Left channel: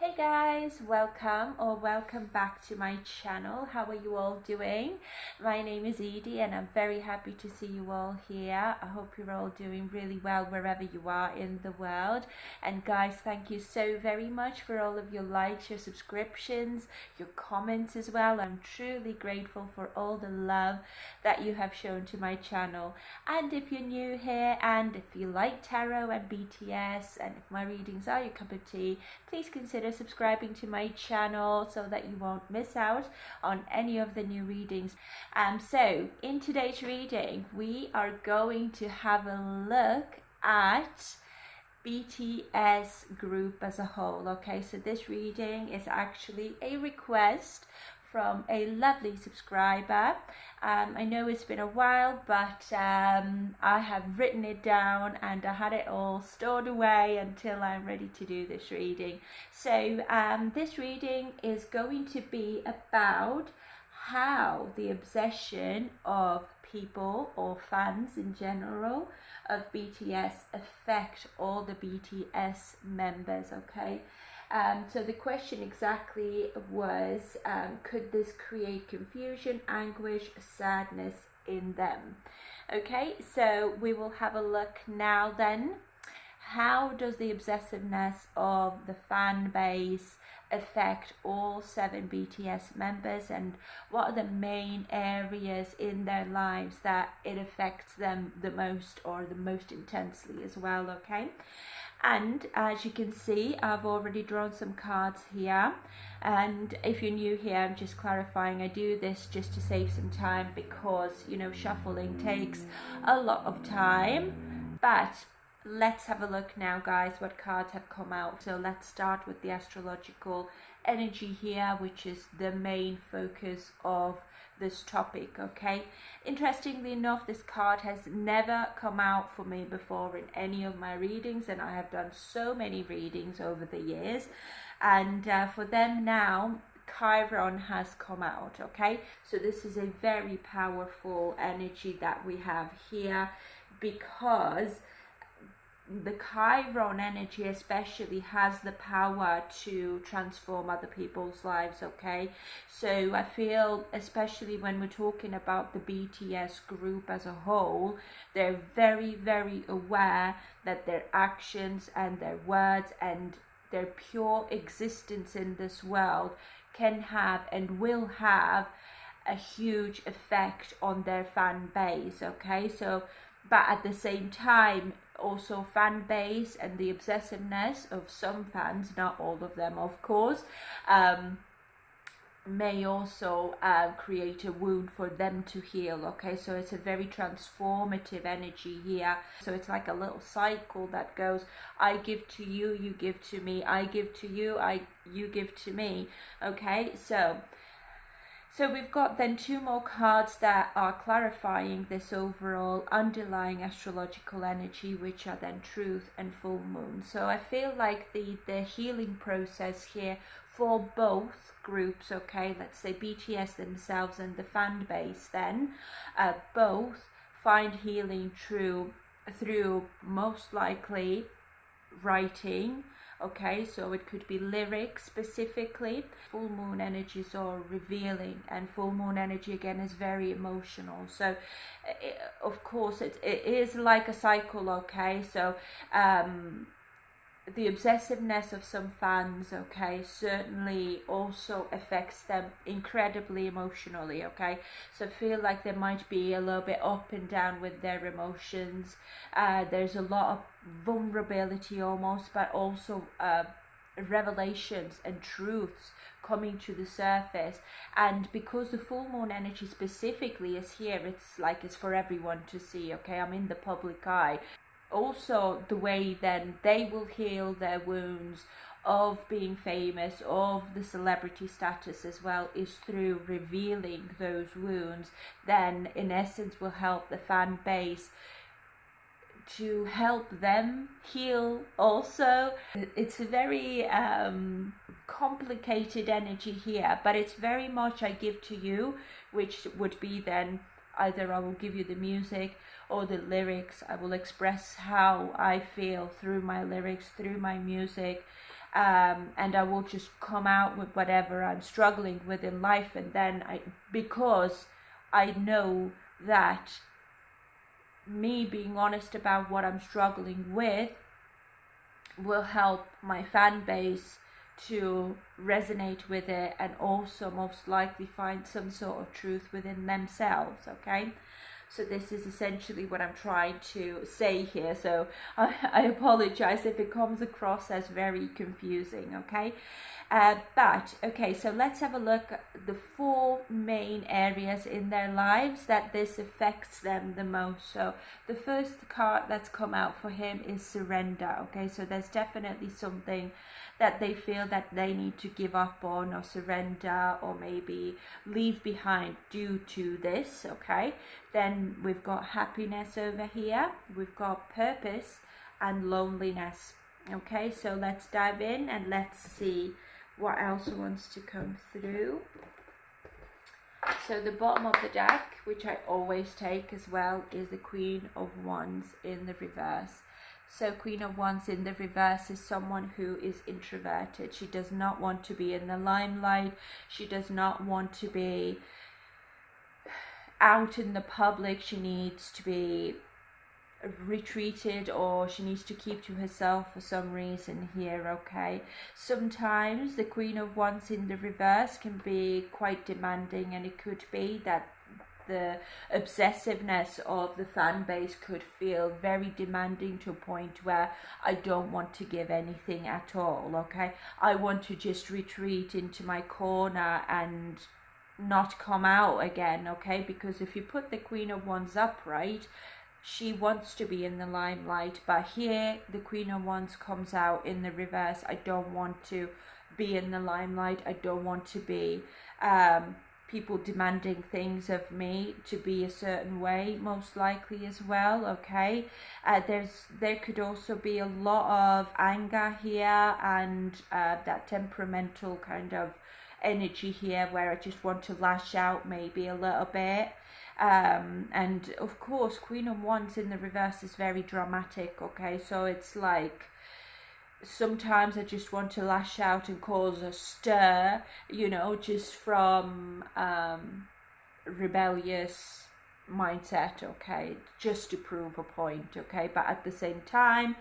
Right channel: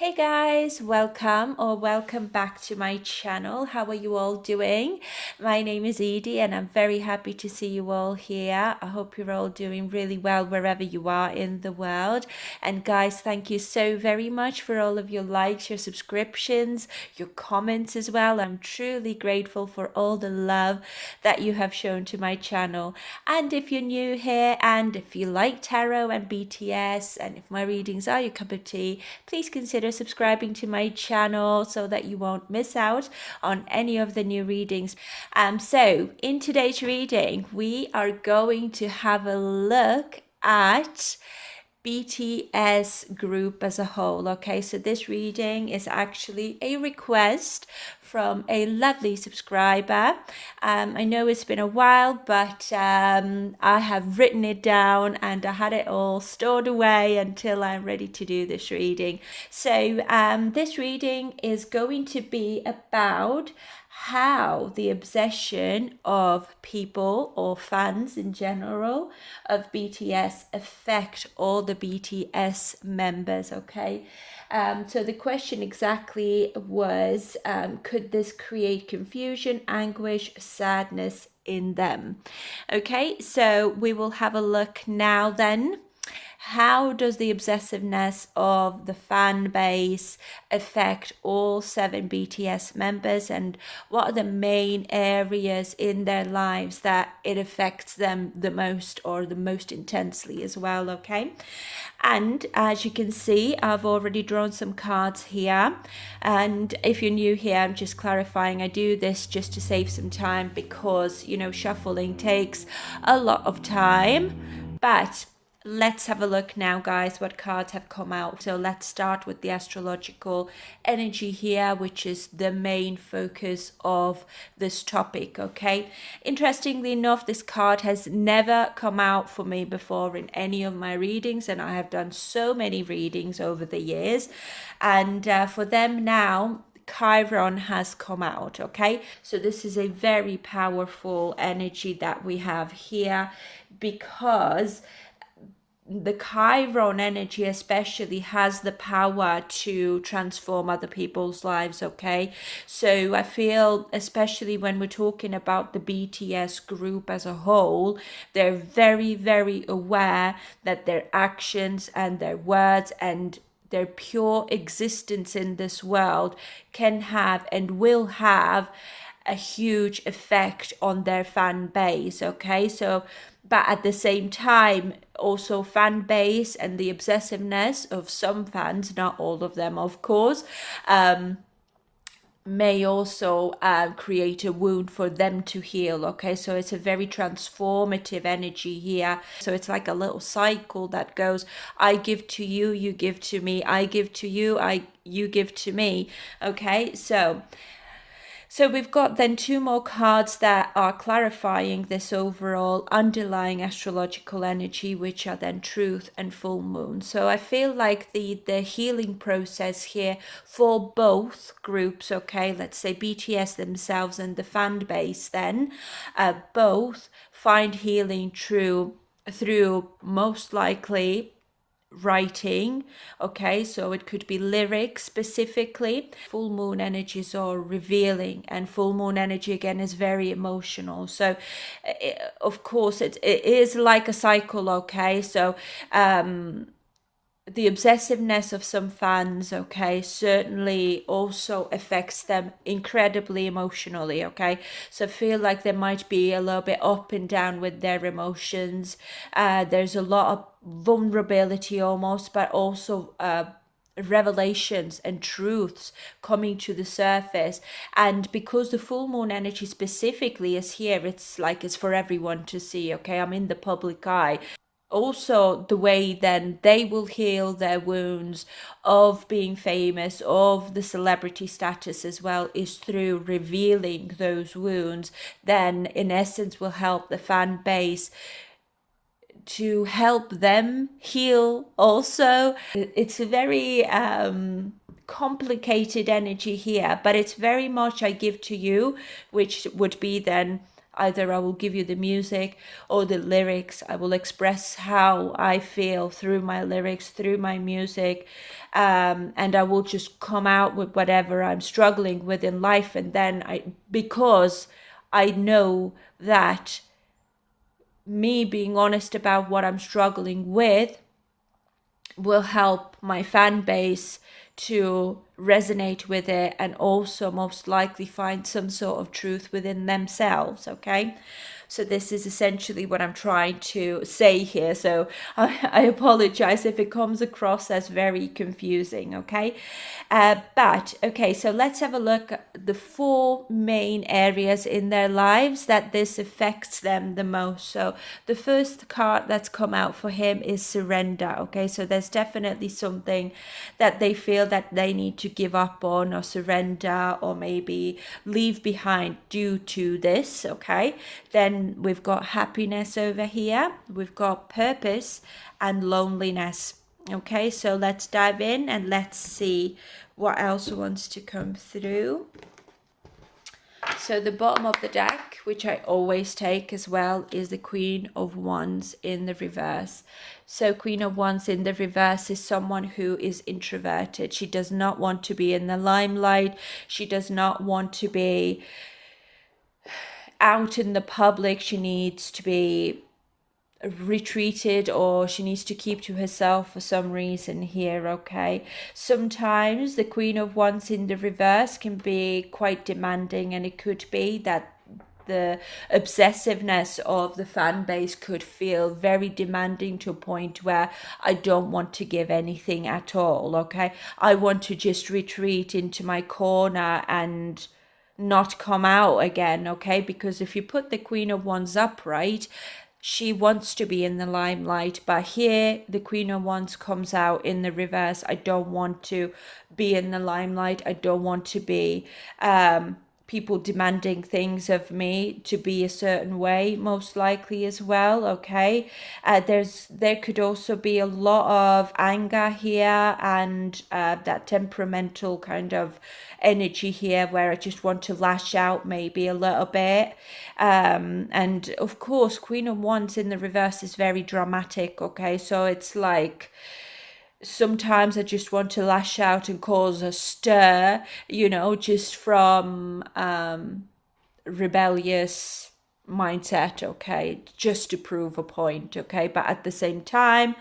Hey guys, welcome back to my channel. How are you all doing? My name is Edie and I'm very happy to see you all here. I hope you're all doing really well wherever you are in the world. And guys, thank you so very much for all of your likes, your subscriptions, your comments as well. I'm truly grateful for all the love that you have shown to my channel. And if you're new here and if you like tarot and BTS and if my readings are your cup of tea, please consider subscribing to my channel so that you won't miss out on any of the new readings. So in today's reading, we are going to have a look at BTS group as a whole. Okay, so this reading is actually a request from a lovely subscriber. I know it's been a while, but I have written it down and I had it all stored away until I'm ready to do this reading. So this reading is going to be about how the obsession of people or fans in general of BTS affect all the BTS members. Okay, so the question exactly was, could this create confusion, anguish, sadness in them? Okay, so we will have a look now then. How does the obsessiveness of the fan base affect all 7 BTS members, and what are the main areas in their lives that it affects them the most or the most intensely as well? Okay, and as you can see, I've already drawn some cards here, and if you're new here, I'm just clarifying, I do this just to save some time because, you know, shuffling takes a lot of time. But let's have a look now, guys, what cards have come out. So let's start with the astrological energy here, which is the main focus of this topic. Okay, interestingly enough, this card has never come out for me before in any of my readings, and I have done so many readings over the years, and for them now Chiron has come out. Okay, so this is a very powerful energy that we have here, because the Chiron energy especially has the power to transform other people's lives. Okay, so I feel, especially when we're talking about the BTS group as a whole, they're very, very aware that their actions and their words and their pure existence in this world can have and will have a huge effect on their fan base. Okay, so but at the same time, also fan base and the obsessiveness of some fans, not all of them of course, may also create a wound for them to heal. Okay, so it's a very transformative energy here. So it's like a little cycle that goes, I give to you, you give to me, I give to you, you give to me. Okay, so we've got then 2 more cards that are clarifying this overall underlying astrological energy, which are then truth and full moon. So I feel like the healing process here for both groups, okay, let's say BTS themselves and the fan base then, both find healing through most likely writing. Okay, so it could be lyrics specifically. Full moon energies are revealing, and full moon energy again is very emotional. So of course it is like a cycle. Okay, so the obsessiveness of some fans, okay, certainly also affects them incredibly emotionally. Okay, so I feel like they might be a little bit up and down with their emotions. There's a lot of vulnerability almost, but also revelations and truths coming to the surface. And because the full moon energy specifically is here, it's like it's for everyone to see. Okay, I'm in the public eye. Also, the way then they will heal their wounds of being famous, of the celebrity status as well, is through revealing those wounds. Then in essence will help the fan base to help them heal also. It's a very complicated energy here, but it's very much I give to you, which would be then Either I will give you the music or the lyrics. I will express how I feel through my lyrics, through my music. And I will just come out with whatever I'm struggling with in life. And then because I know that me being honest about what I'm struggling with will help my fan base to resonate with it, and also most likely find some sort of truth within themselves. Okay, so this is essentially what I'm trying to say here. So I apologize if it comes across as very confusing. Okay, but okay, so let's have a look at the 4 main areas in their lives that this affects them the most. So the first card that's come out for him is surrender. Okay, so there's definitely something that they feel that they need to give up on or surrender or maybe leave behind due to this. Okay, then we've got happiness over here, we've got purpose and loneliness. Okay, so let's dive in and let's see what else wants to come through. So the bottom of the deck, which I always take as well, is the Queen of Wands in the reverse. So Queen of Wands in the reverse is someone who is introverted. She does not want to be in the limelight. She does not want to be out in the public. She needs to be retreated, or she needs to keep to herself for some reason here. Okay, sometimes the Queen of Wands in the reverse can be quite demanding, and it could be that the obsessiveness of the fan base could feel very demanding to a point where I don't want to give anything at all. Okay, I want to just retreat into my corner and not come out again. Okay, because if you put the Queen of Wands upright, she wants to be in the limelight, but here the Queen of Wands comes out in the reverse. I don't want to be in the limelight. I don't want to be people demanding things of me to be a certain way, most likely as well. Okay, there could also be a lot of anger here, and that temperamental kind of energy here where I just want to lash out maybe a little bit. And of course, Queen of Wands in the reverse is very dramatic. Okay, so it's like sometimes I just want to lash out and cause a stir, just from rebellious mindset. Okay, just to prove a point. Okay, but at the same time,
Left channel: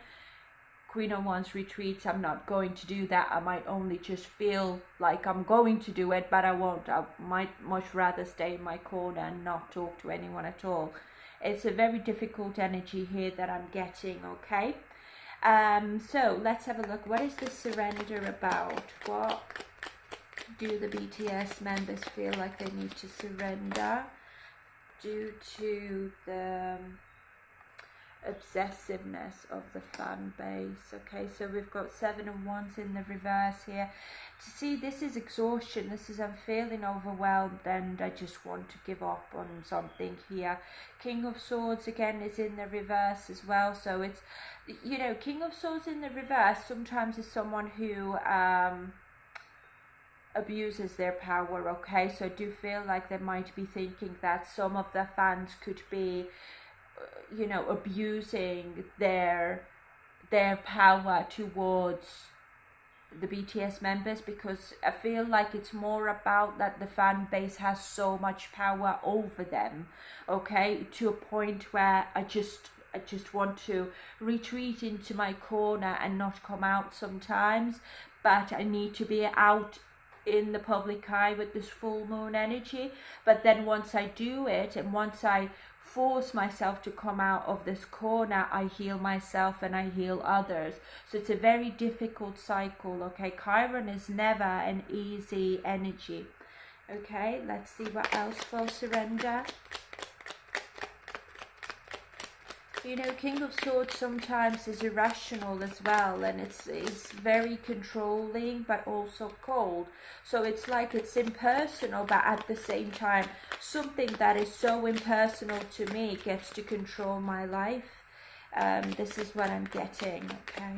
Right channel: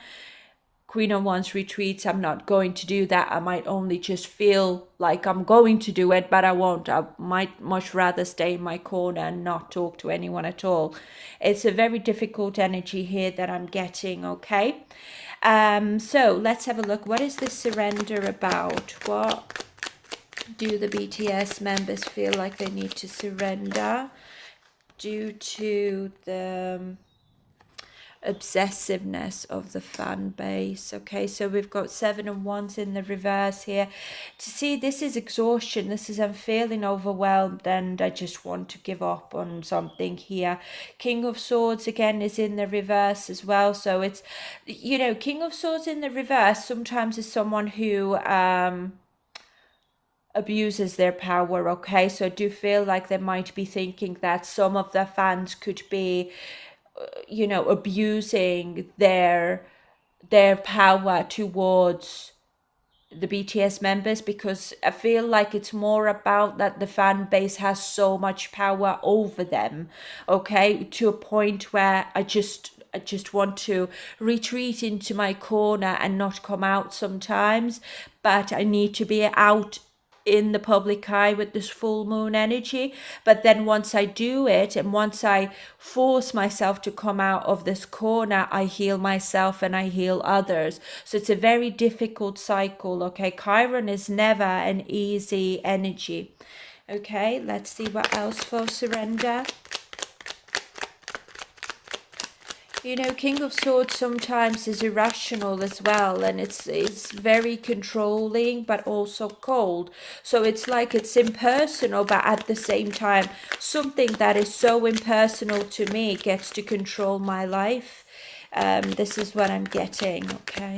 Queen of Wands retreats. I'm not going to do that. I might only just feel like I'm going to do it, but I won't. I might much rather stay in my corner and not talk to anyone at all. It's a very difficult energy here that I'm getting. Okay, so let's have a look. What is this surrender about? What do the BTS members feel like they need to surrender due to the obsessiveness of the fan base? Okay, so we've got 7 of Wands in the reverse here. To see, this is exhaustion. This is I'm feeling overwhelmed and I just want to give up on something here. King of Swords again is in the reverse as well. So it's, King of Swords in the reverse sometimes is someone who abuses their power. Okay, so I do feel like they might be thinking that some of their fans could be abusing their power towards the BTS members, because I feel like it's more about that the fan base has so much power over them, okay, to a point where I just want to retreat into my corner and not come out sometimes, but I need to be out in the public eye with this full moon energy. But then once I do it, and once I force myself to come out of this corner, I heal myself and I heal others. So it's a very difficult cycle. Okay, Chiron is never an easy energy. Okay, let's see what else for surrender. King of Swords sometimes is irrational as well, and it's very controlling but also cold. So it's like it's impersonal, but at the same time, something that is so impersonal to me gets to control my life. This is what I'm getting. Okay.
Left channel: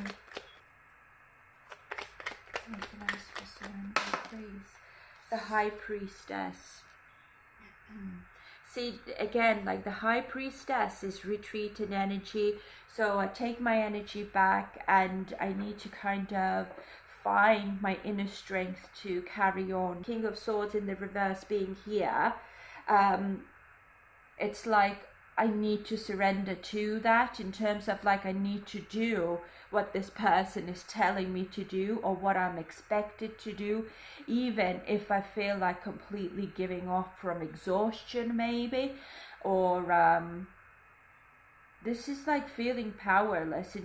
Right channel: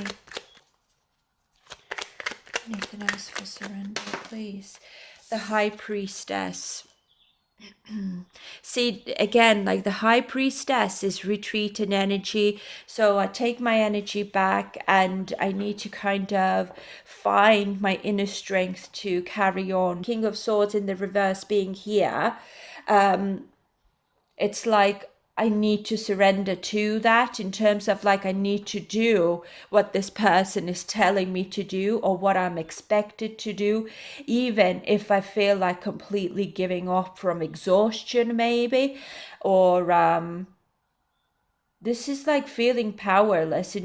Anything else for surrender, please? The High Priestess. See, again, like the high priestess is retreating energy. So I take my energy back and I need to kind of find my inner strength to carry on. King of Swords in the reverse being here, it's like I need to surrender to that, in terms of like I need to do what this person is telling me to do or what I'm expected to do, even if I feel like completely giving up from exhaustion, maybe, or this is like feeling powerless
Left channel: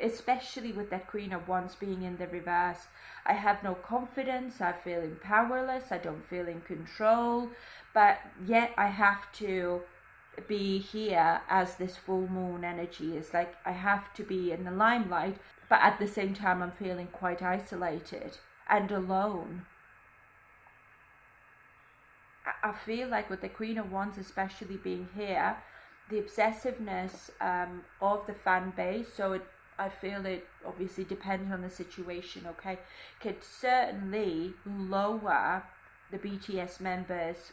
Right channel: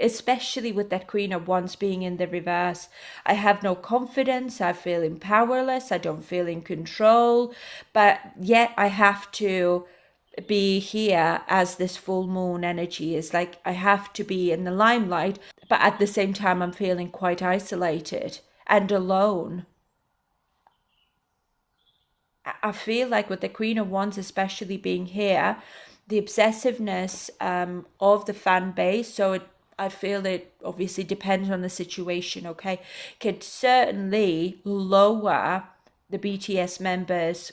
especially with that Queen of Wands being in the reverse. I have no confidence, I feel powerless, I don't feel in control, but yet I have to be here as this full moon energy is like I have to be in the limelight, but at the same time I'm feeling quite isolated and alone. I feel like with the Queen of Wands especially being here, the obsessiveness of the fan base, so I feel it obviously depends on the situation, okay, could certainly lower the BTS members'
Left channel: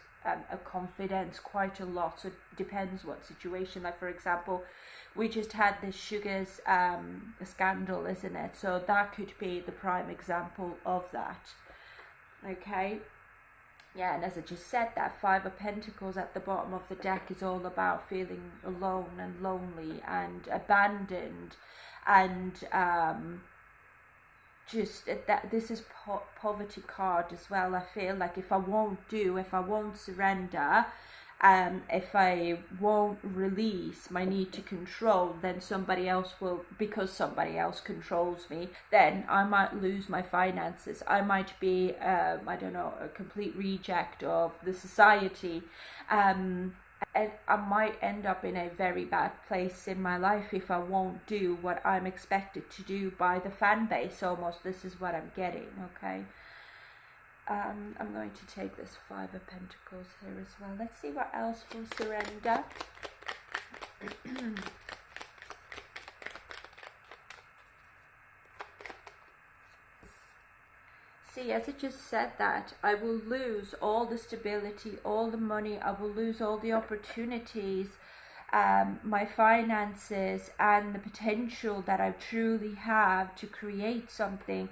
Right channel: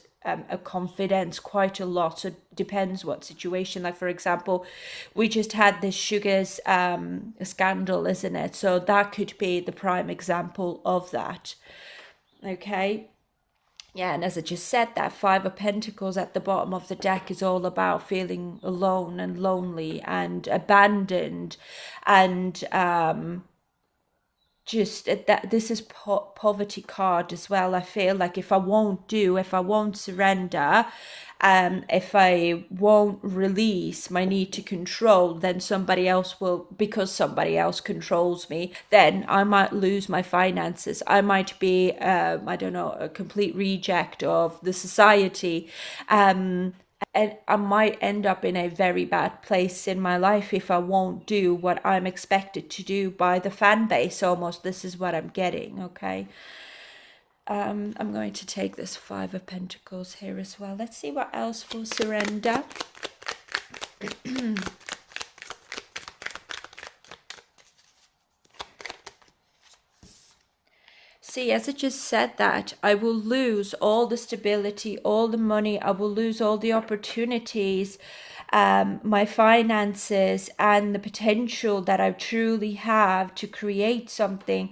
a confidence quite a lot. So it depends what situation. Like for example, we just had this Sugars scandal, isn't it? So that could be the prime example of that. Okay. Yeah, and as I just said, that Five of Pentacles at the bottom of the deck is all about feeling alone and lonely and abandoned, and just that this is poverty card as well. I feel like if I won't surrender, if I won't release my need to control, then somebody else will, because somebody else controls me, then I might lose my finances. I might be, I don't know, a complete reject of the society. And I might end up in a very bad place in my life if I won't do what I'm expected to do by the fan base almost. This is what I'm getting, okay? I'm going to take this Five of Pentacles here as well. Let's see what else for surrender. See, as I just said that, I will lose all the stability, all the money, I will lose all the opportunities, my finances, and the potential that I truly have to create something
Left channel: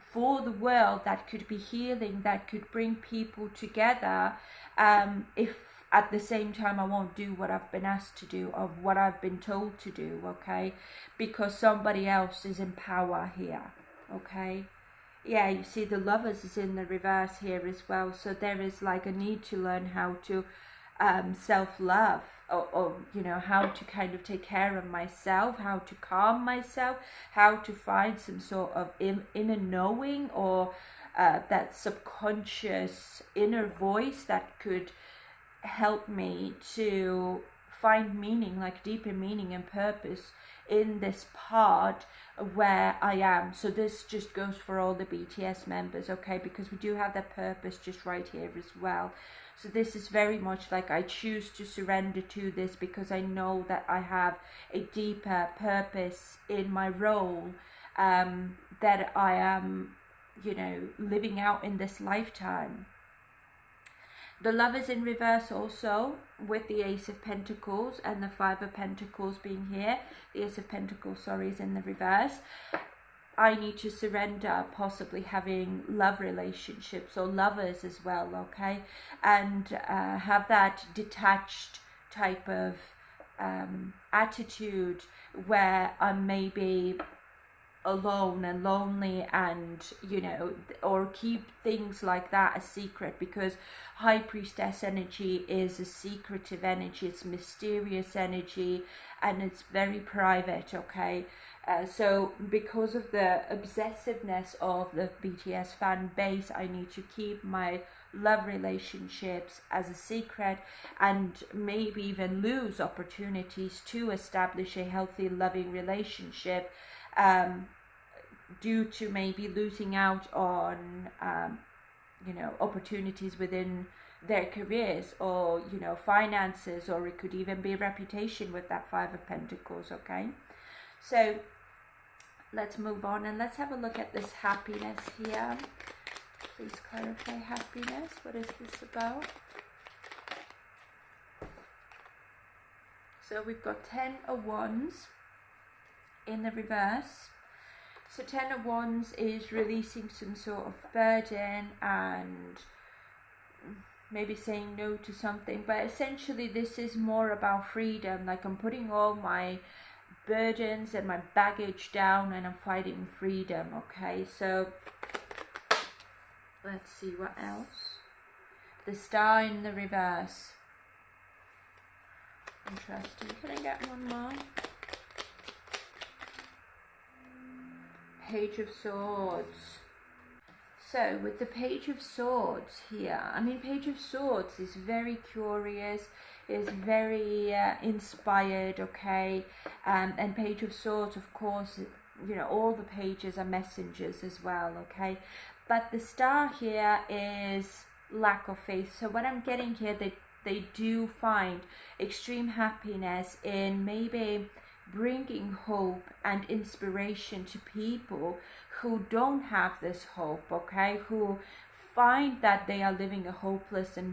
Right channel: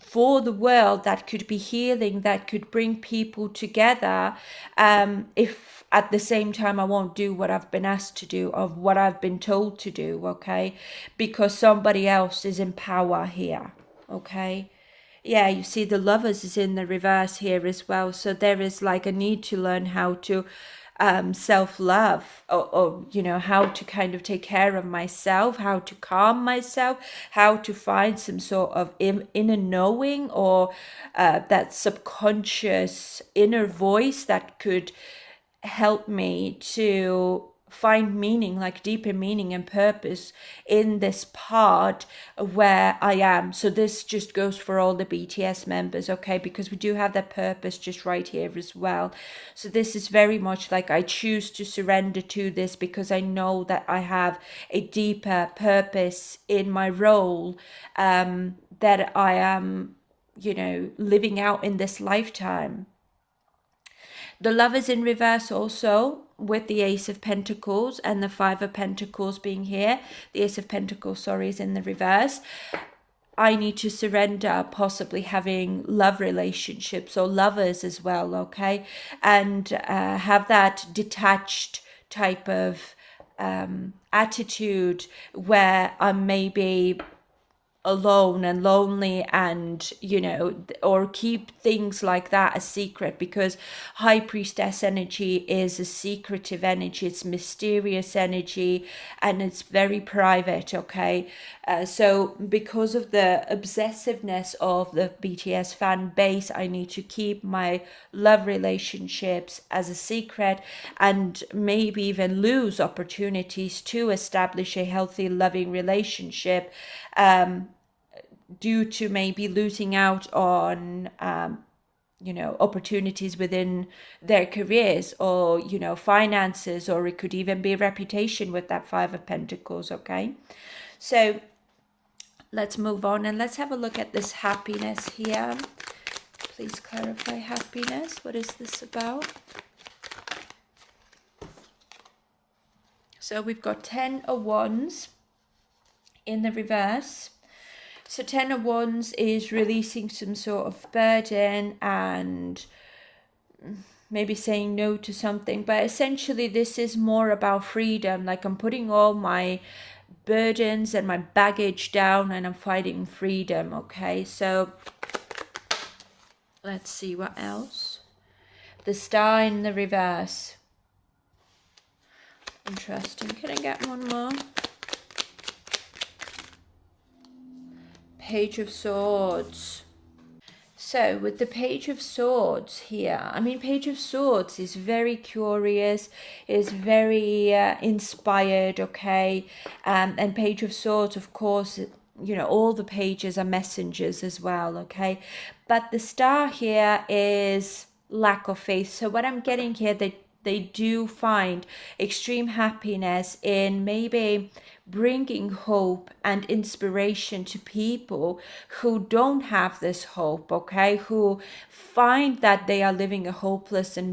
for the world that could be healing, that could bring people together, if at the same time I won't do what I've been asked to do, of what I've been told to do, okay? Because somebody else is in power here, okay? Yeah, you see the Lovers is in the reverse here as well. So there is like a need to learn how to self-love, or you know, how to kind of take care of myself, how to calm myself, how to find some sort of inner knowing, or that subconscious inner voice that could help me to find meaning, like deeper meaning and purpose in this part where I am. So this just goes for all the BTS members, okay, because we do have that purpose just right here as well. So this is very much like I choose to surrender to this because I know that I have a deeper purpose in my role, that I am, you know, living out in this lifetime. The Lovers in reverse also, with the Ace of Pentacles and the Five of Pentacles being here. The Ace of Pentacles, sorry, is in the reverse. I need to surrender possibly having love relationships or lovers as well, okay? And have that detached type of attitude where I'm maybe alone and lonely, and you know, or keep things like that a secret, because High Priestess energy is a secretive energy, it's mysterious energy, and it's very private, okay? So because of the obsessiveness of the BTS fan base, I need to keep my love relationships as a secret, and maybe even lose opportunities to establish a healthy loving relationship, due to maybe losing out on you know, opportunities within their careers, or you know, finances, or it could even be reputation with that Five of Pentacles, okay? So let's move on and let's have a look at this happiness here. Please clarify happiness. What is this about? So we've got 10 of Wands in the reverse. So 10 of Wands is releasing some sort of burden and maybe saying no to something, but essentially this is more about freedom. Like I'm putting all my burdens and my baggage down and I'm fighting freedom. Okay, so let's see what else. The Star in the reverse. Interesting. Can I get one more? Page of Swords. So with the Page of Swords here, I mean, Page of Swords is very curious, is very inspired, okay? And Page of Swords, of course, you know, all the pages are messengers as well, okay? But the Star here is lack of faith. So what I'm getting here, they do find extreme happiness in maybe bringing hope and inspiration to people who don't have this hope, okay, who find that they are living a hopeless and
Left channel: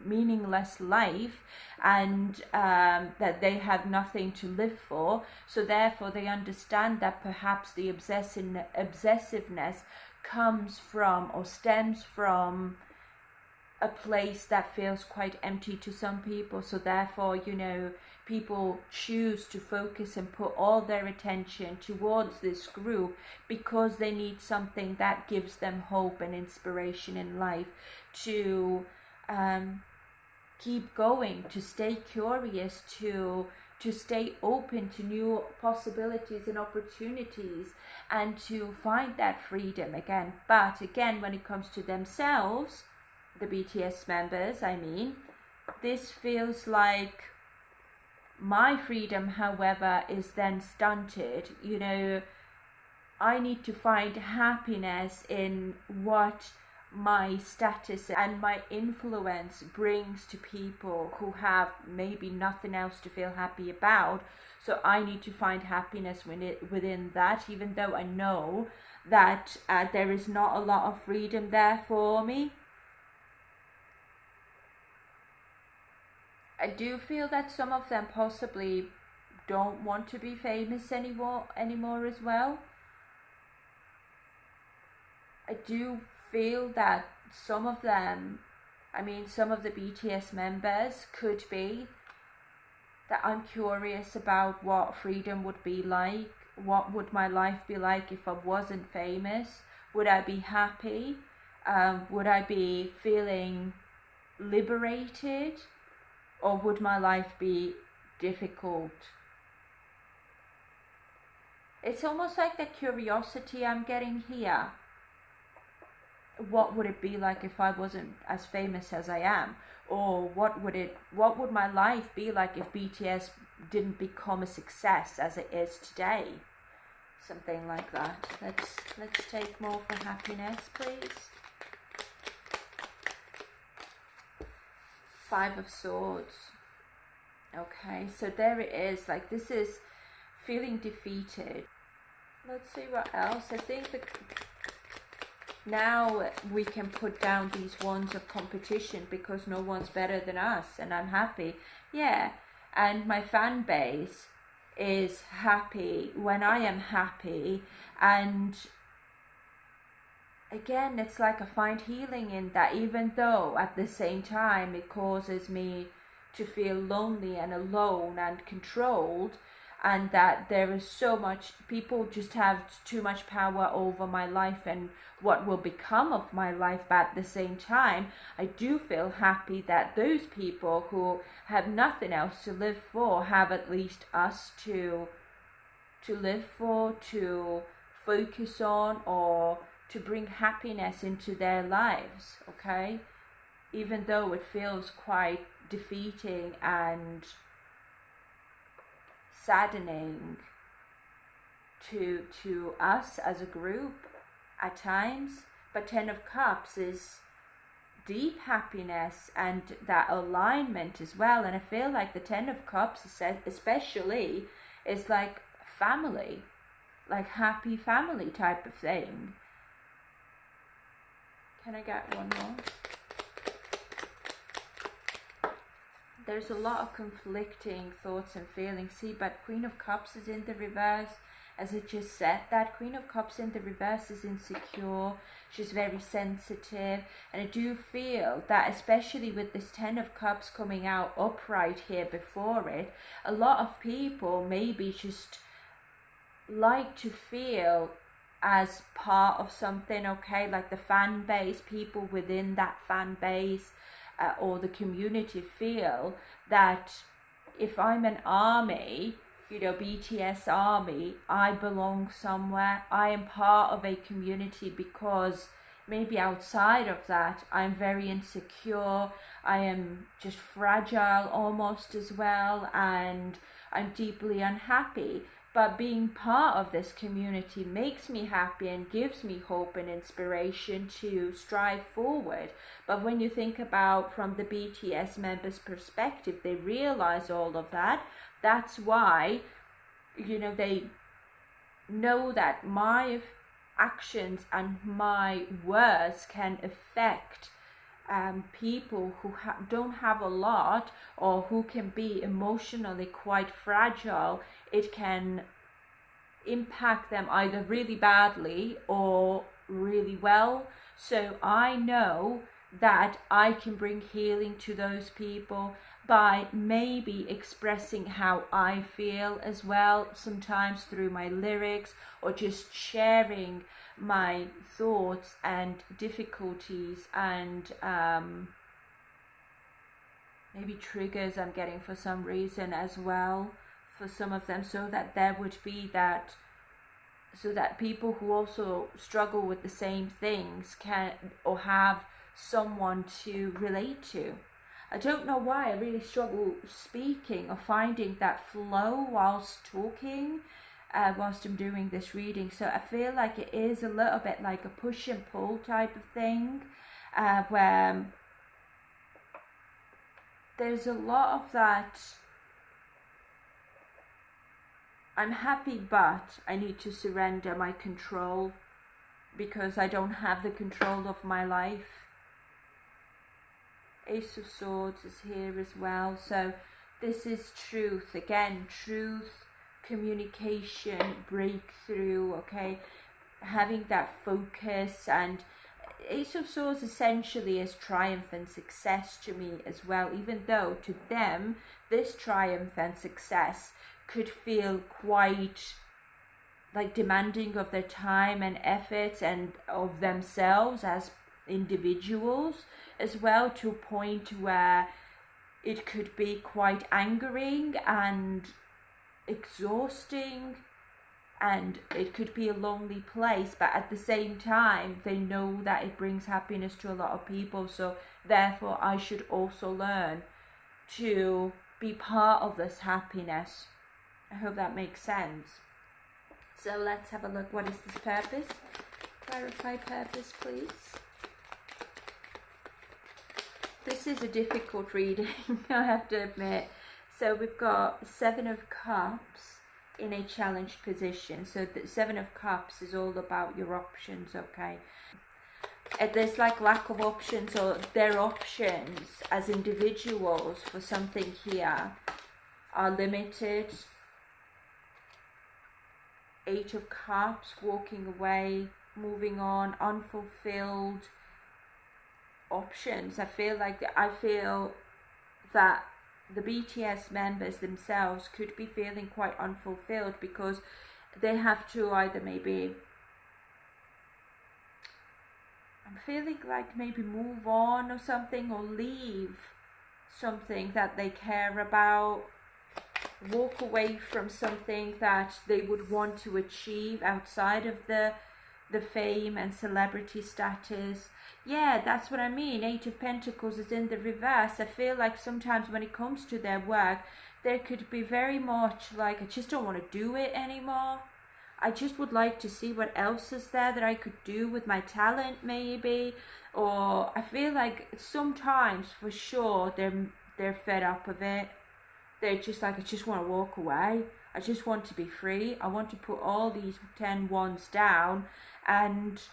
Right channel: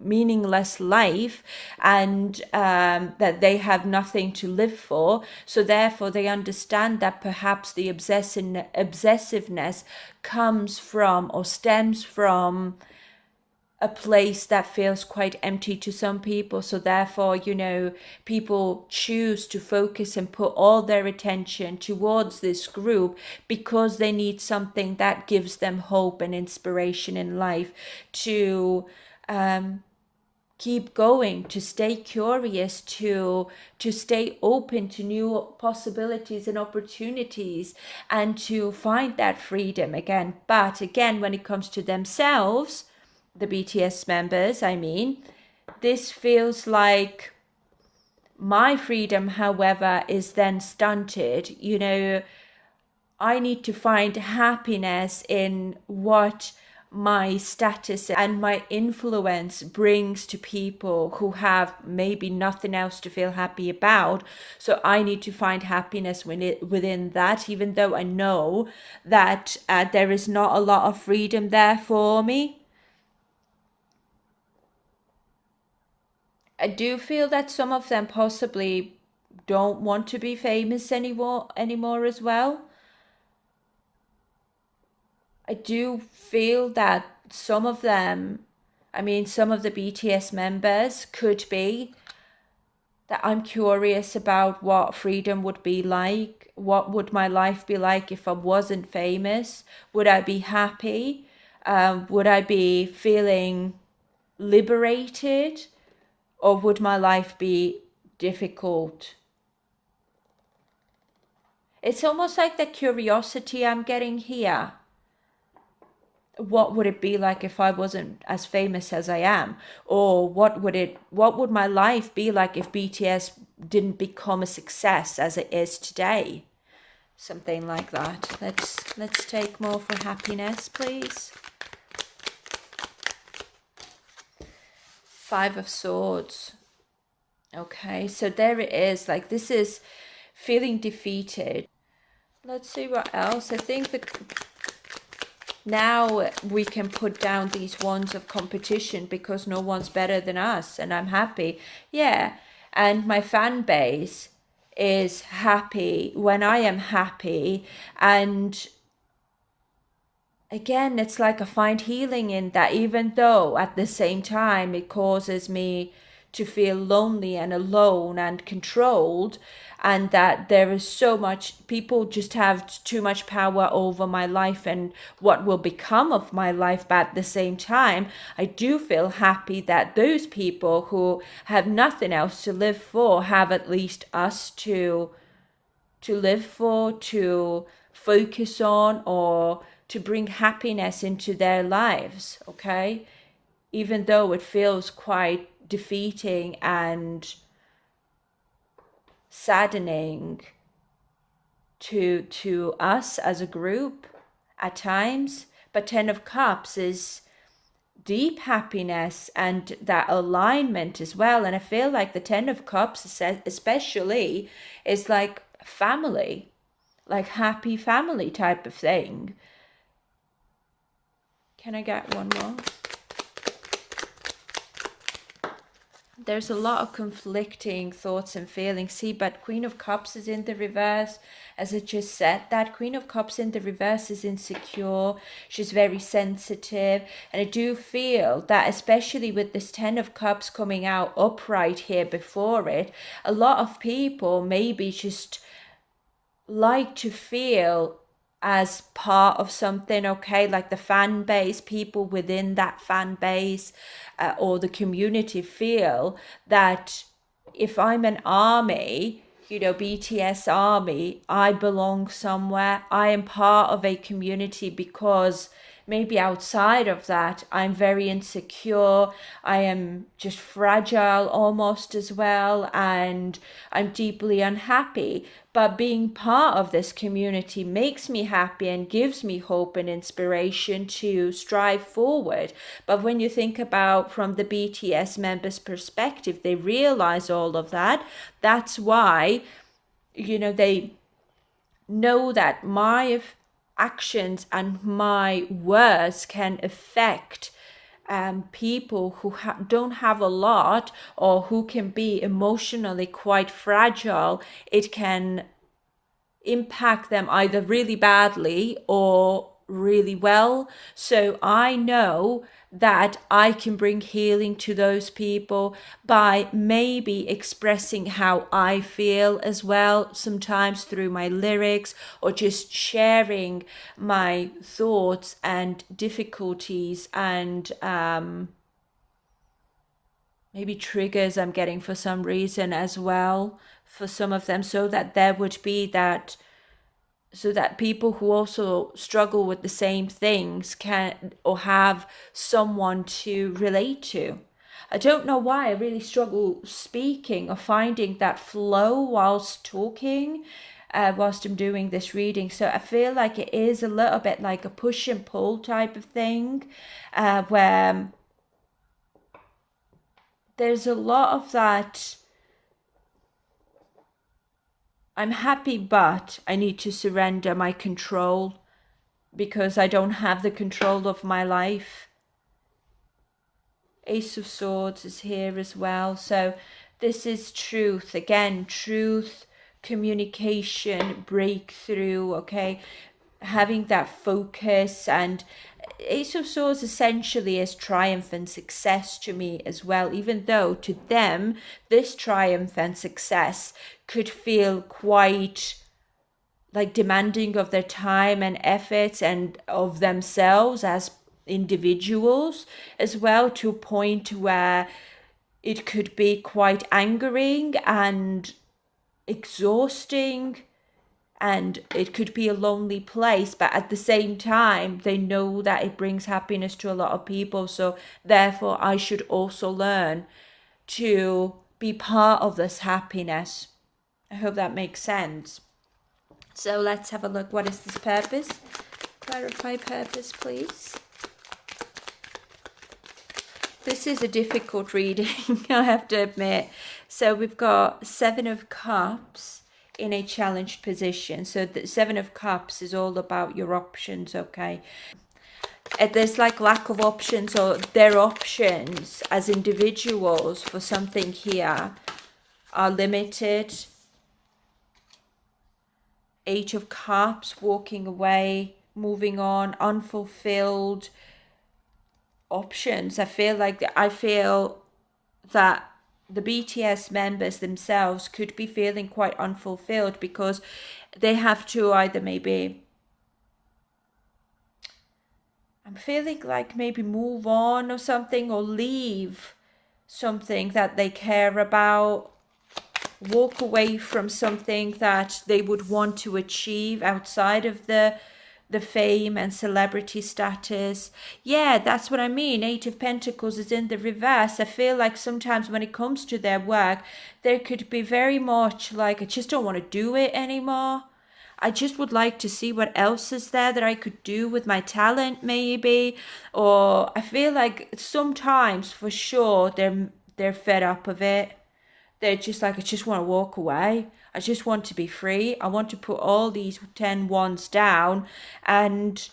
meaningless life, and that they have nothing to live for. So therefore they understand that perhaps the obsessiveness comes from or stems from a place that feels quite empty to some people. So therefore, you know, people choose to focus and put all their attention towards this group because they need something that gives them hope and inspiration in life to keep going, to stay curious, to stay open to new possibilities and opportunities, and to find that freedom again. But again, when it comes to themselves, the BTS members, I mean, this feels like my freedom, however, is then stunted. You know, I need to find happiness in what my status and my influence brings to people who have maybe nothing else to feel happy about. So I need to find happiness within that, even though I know that there is not a lot of freedom there for me. I do feel that some of them possibly don't want to be famous anymore as well. I do feel that some of them, I mean, some of the BTS members could be that I'm curious about what freedom would be like. What would my life be like if I wasn't famous? Would I be happy? Would I be feeling liberated? Or would my life be difficult? It's almost like the curiosity I'm getting here. What would it be like if I wasn't as famous as I am? Or what would my life be like if BTS didn't become a success as it is today? Something like that. Let's take more for happiness, please. Five of Swords. Okay, so there it is. Like, this is feeling defeated. Let's see what else. I think that now we can put down these wands of competition because no one's better than us, and I'm happy. Yeah, and my fan base is happy when I am happy, and again, it's like I find healing in that, even though at the same time it causes me to feel lonely and alone and controlled, and that there is so much, people just have too much power over my life and what will become of my life. But at the same time, I do feel happy that those people who have nothing else to live for have at least us to live for, to focus on, or to bring happiness into their lives, okay? Even though it feels quite defeating and saddening to us as a group at times. But 10 of Cups is deep happiness and that alignment as well. And I feel like the 10 of Cups especially is like family, like happy family type of thing. Can I get one more? there's a lot of conflicting thoughts and feelings. See, but Queen of Cups is in the reverse. As I just said, that Queen of Cups in the reverse is insecure. She's very sensitive. And I do feel that, especially with this Ten of Cups coming out upright here before it, a lot of people maybe just like to feel as part of something, okay, like the fan base, people within that fan base or the community feel that if I'm an army, you know, BTS ARMY, I belong somewhere, I am part of a community, because maybe outside of that I'm very insecure, I am just fragile almost as well, and I'm deeply unhappy. But being part of this community makes me happy and gives me hope and inspiration to strive forward. But when you think about from the BTS members' perspective, they realize all of that. That's why, you know, they know that my actions and my words can affect people who don't have a lot, or who can be emotionally quite fragile. It can impact them either really badly or really well. So I know that I can bring healing to those people by maybe expressing how I feel as well, sometimes through my lyrics, or just sharing my thoughts and difficulties and maybe triggers I'm getting for some reason as well for some of them, so that there would be that, so that people who also struggle with the same things can, or have someone to relate to. I don't know why I really struggle speaking or finding that flow whilst talking, whilst I'm doing this reading. So I feel like it is a little bit like a push and pull type of thing, where there's a lot of that. I'm happy, but I need to surrender my control because I don't have the control of my life. Ace of Swords is here as well. So this is truth. Again, truth, communication, breakthrough, okay? Having that focus. And Ace of Swords essentially is triumph and success to me as well, even though to them this triumph and success could feel quite like demanding of their time and efforts and of themselves as individuals as well, to a point where it could be quite angering and exhausting, and it could be a lonely place. But at the same time, they know that it brings happiness to a lot of people, so therefore I should also learn to be part of this happiness. I hope that makes sense. So let's have a look. What is this purpose? Clarify purpose, please. This is a difficult reading, I have to admit. So we've got Seven of Cups in a challenged position. So the Seven of Cups is all about your options, okay? There's like lack of options, or their options as individuals for something here are limited. Eight of Cups, walking away, moving on, unfulfilled options. I feel that the BTS members themselves could be feeling quite unfulfilled, because they have to either maybe, I'm feeling like maybe move on or something, or leave something that they care about, walk away from something that they would want to achieve outside of the fame and celebrity status. Yeah, that's what I mean. Eight of Pentacles is in the reverse. I feel like sometimes when it comes to their work, there could be very much like, I just don't want to do it anymore. I just would like to see what else is there that I could do with my talent, maybe. Or I feel like sometimes, for sure, they're fed up of it. They're just like, I just want to walk away. I just want to be free. I want to put all these 10 wands down and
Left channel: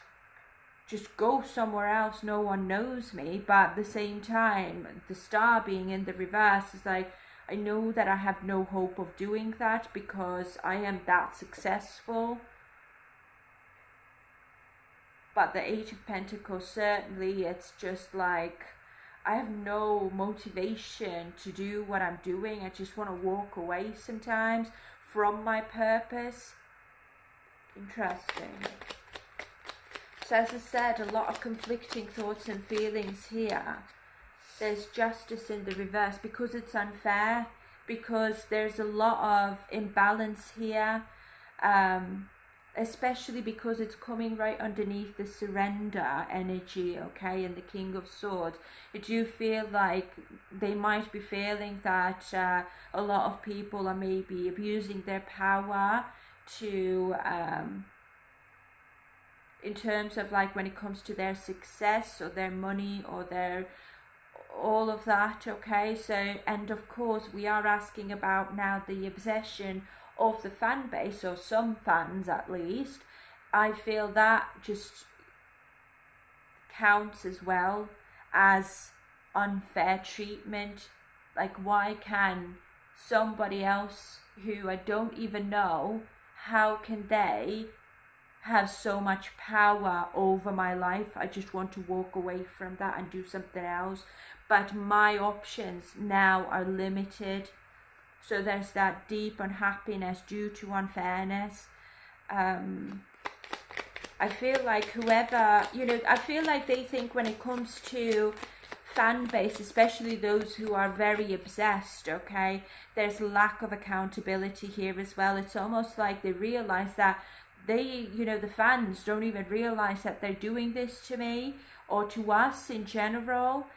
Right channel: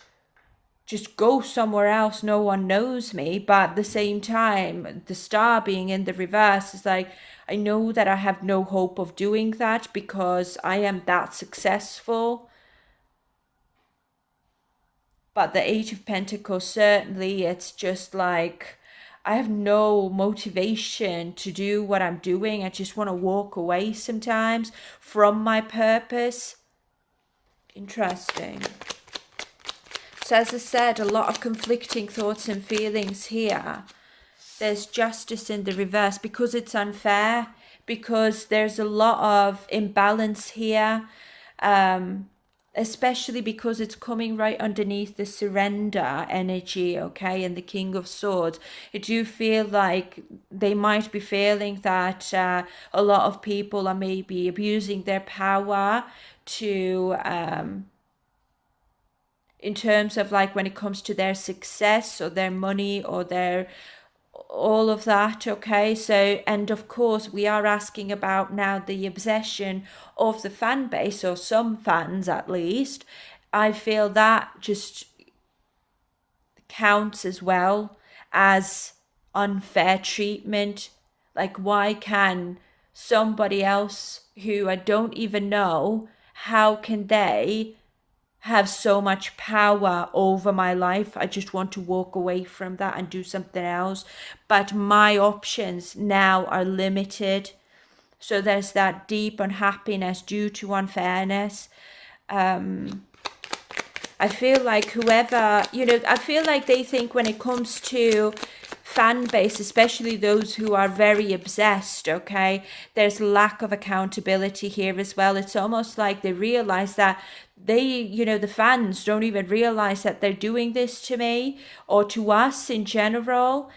just go somewhere else, no one knows me. But at the same time, the star being in the reverse is like, I know that I have no hope of doing that because I am that successful. But the Eight of Pentacles, certainly, it's just like, I have no motivation to do what I'm doing. I just want to walk away sometimes from my purpose. Interesting. So as I said, a lot of conflicting thoughts and feelings here. There's justice in the reverse because it's unfair, because there's a lot of imbalance here, especially because it's coming right underneath the surrender energy, okay, and the King of Swords. I do feel like they might be feeling that a lot of people are maybe abusing their power to in terms of like when it comes to their success or their money or their all of that, okay. So, and of course we are asking about now the obsession of the fan base, or some fans at least. I feel that just counts as well as unfair treatment. Like, why can somebody else who I don't even know, how can they have so much power over my life? I just want to walk away from that and do something else, but my options now are limited. So there's that deep unhappiness due to unfairness. I feel like whoever, I feel like they think when it comes to fan base, especially those who are very obsessed, okay, there's lack of accountability here as well. It's almost like they realize that they, the fans don't even realize that they're doing this to me or to us in general.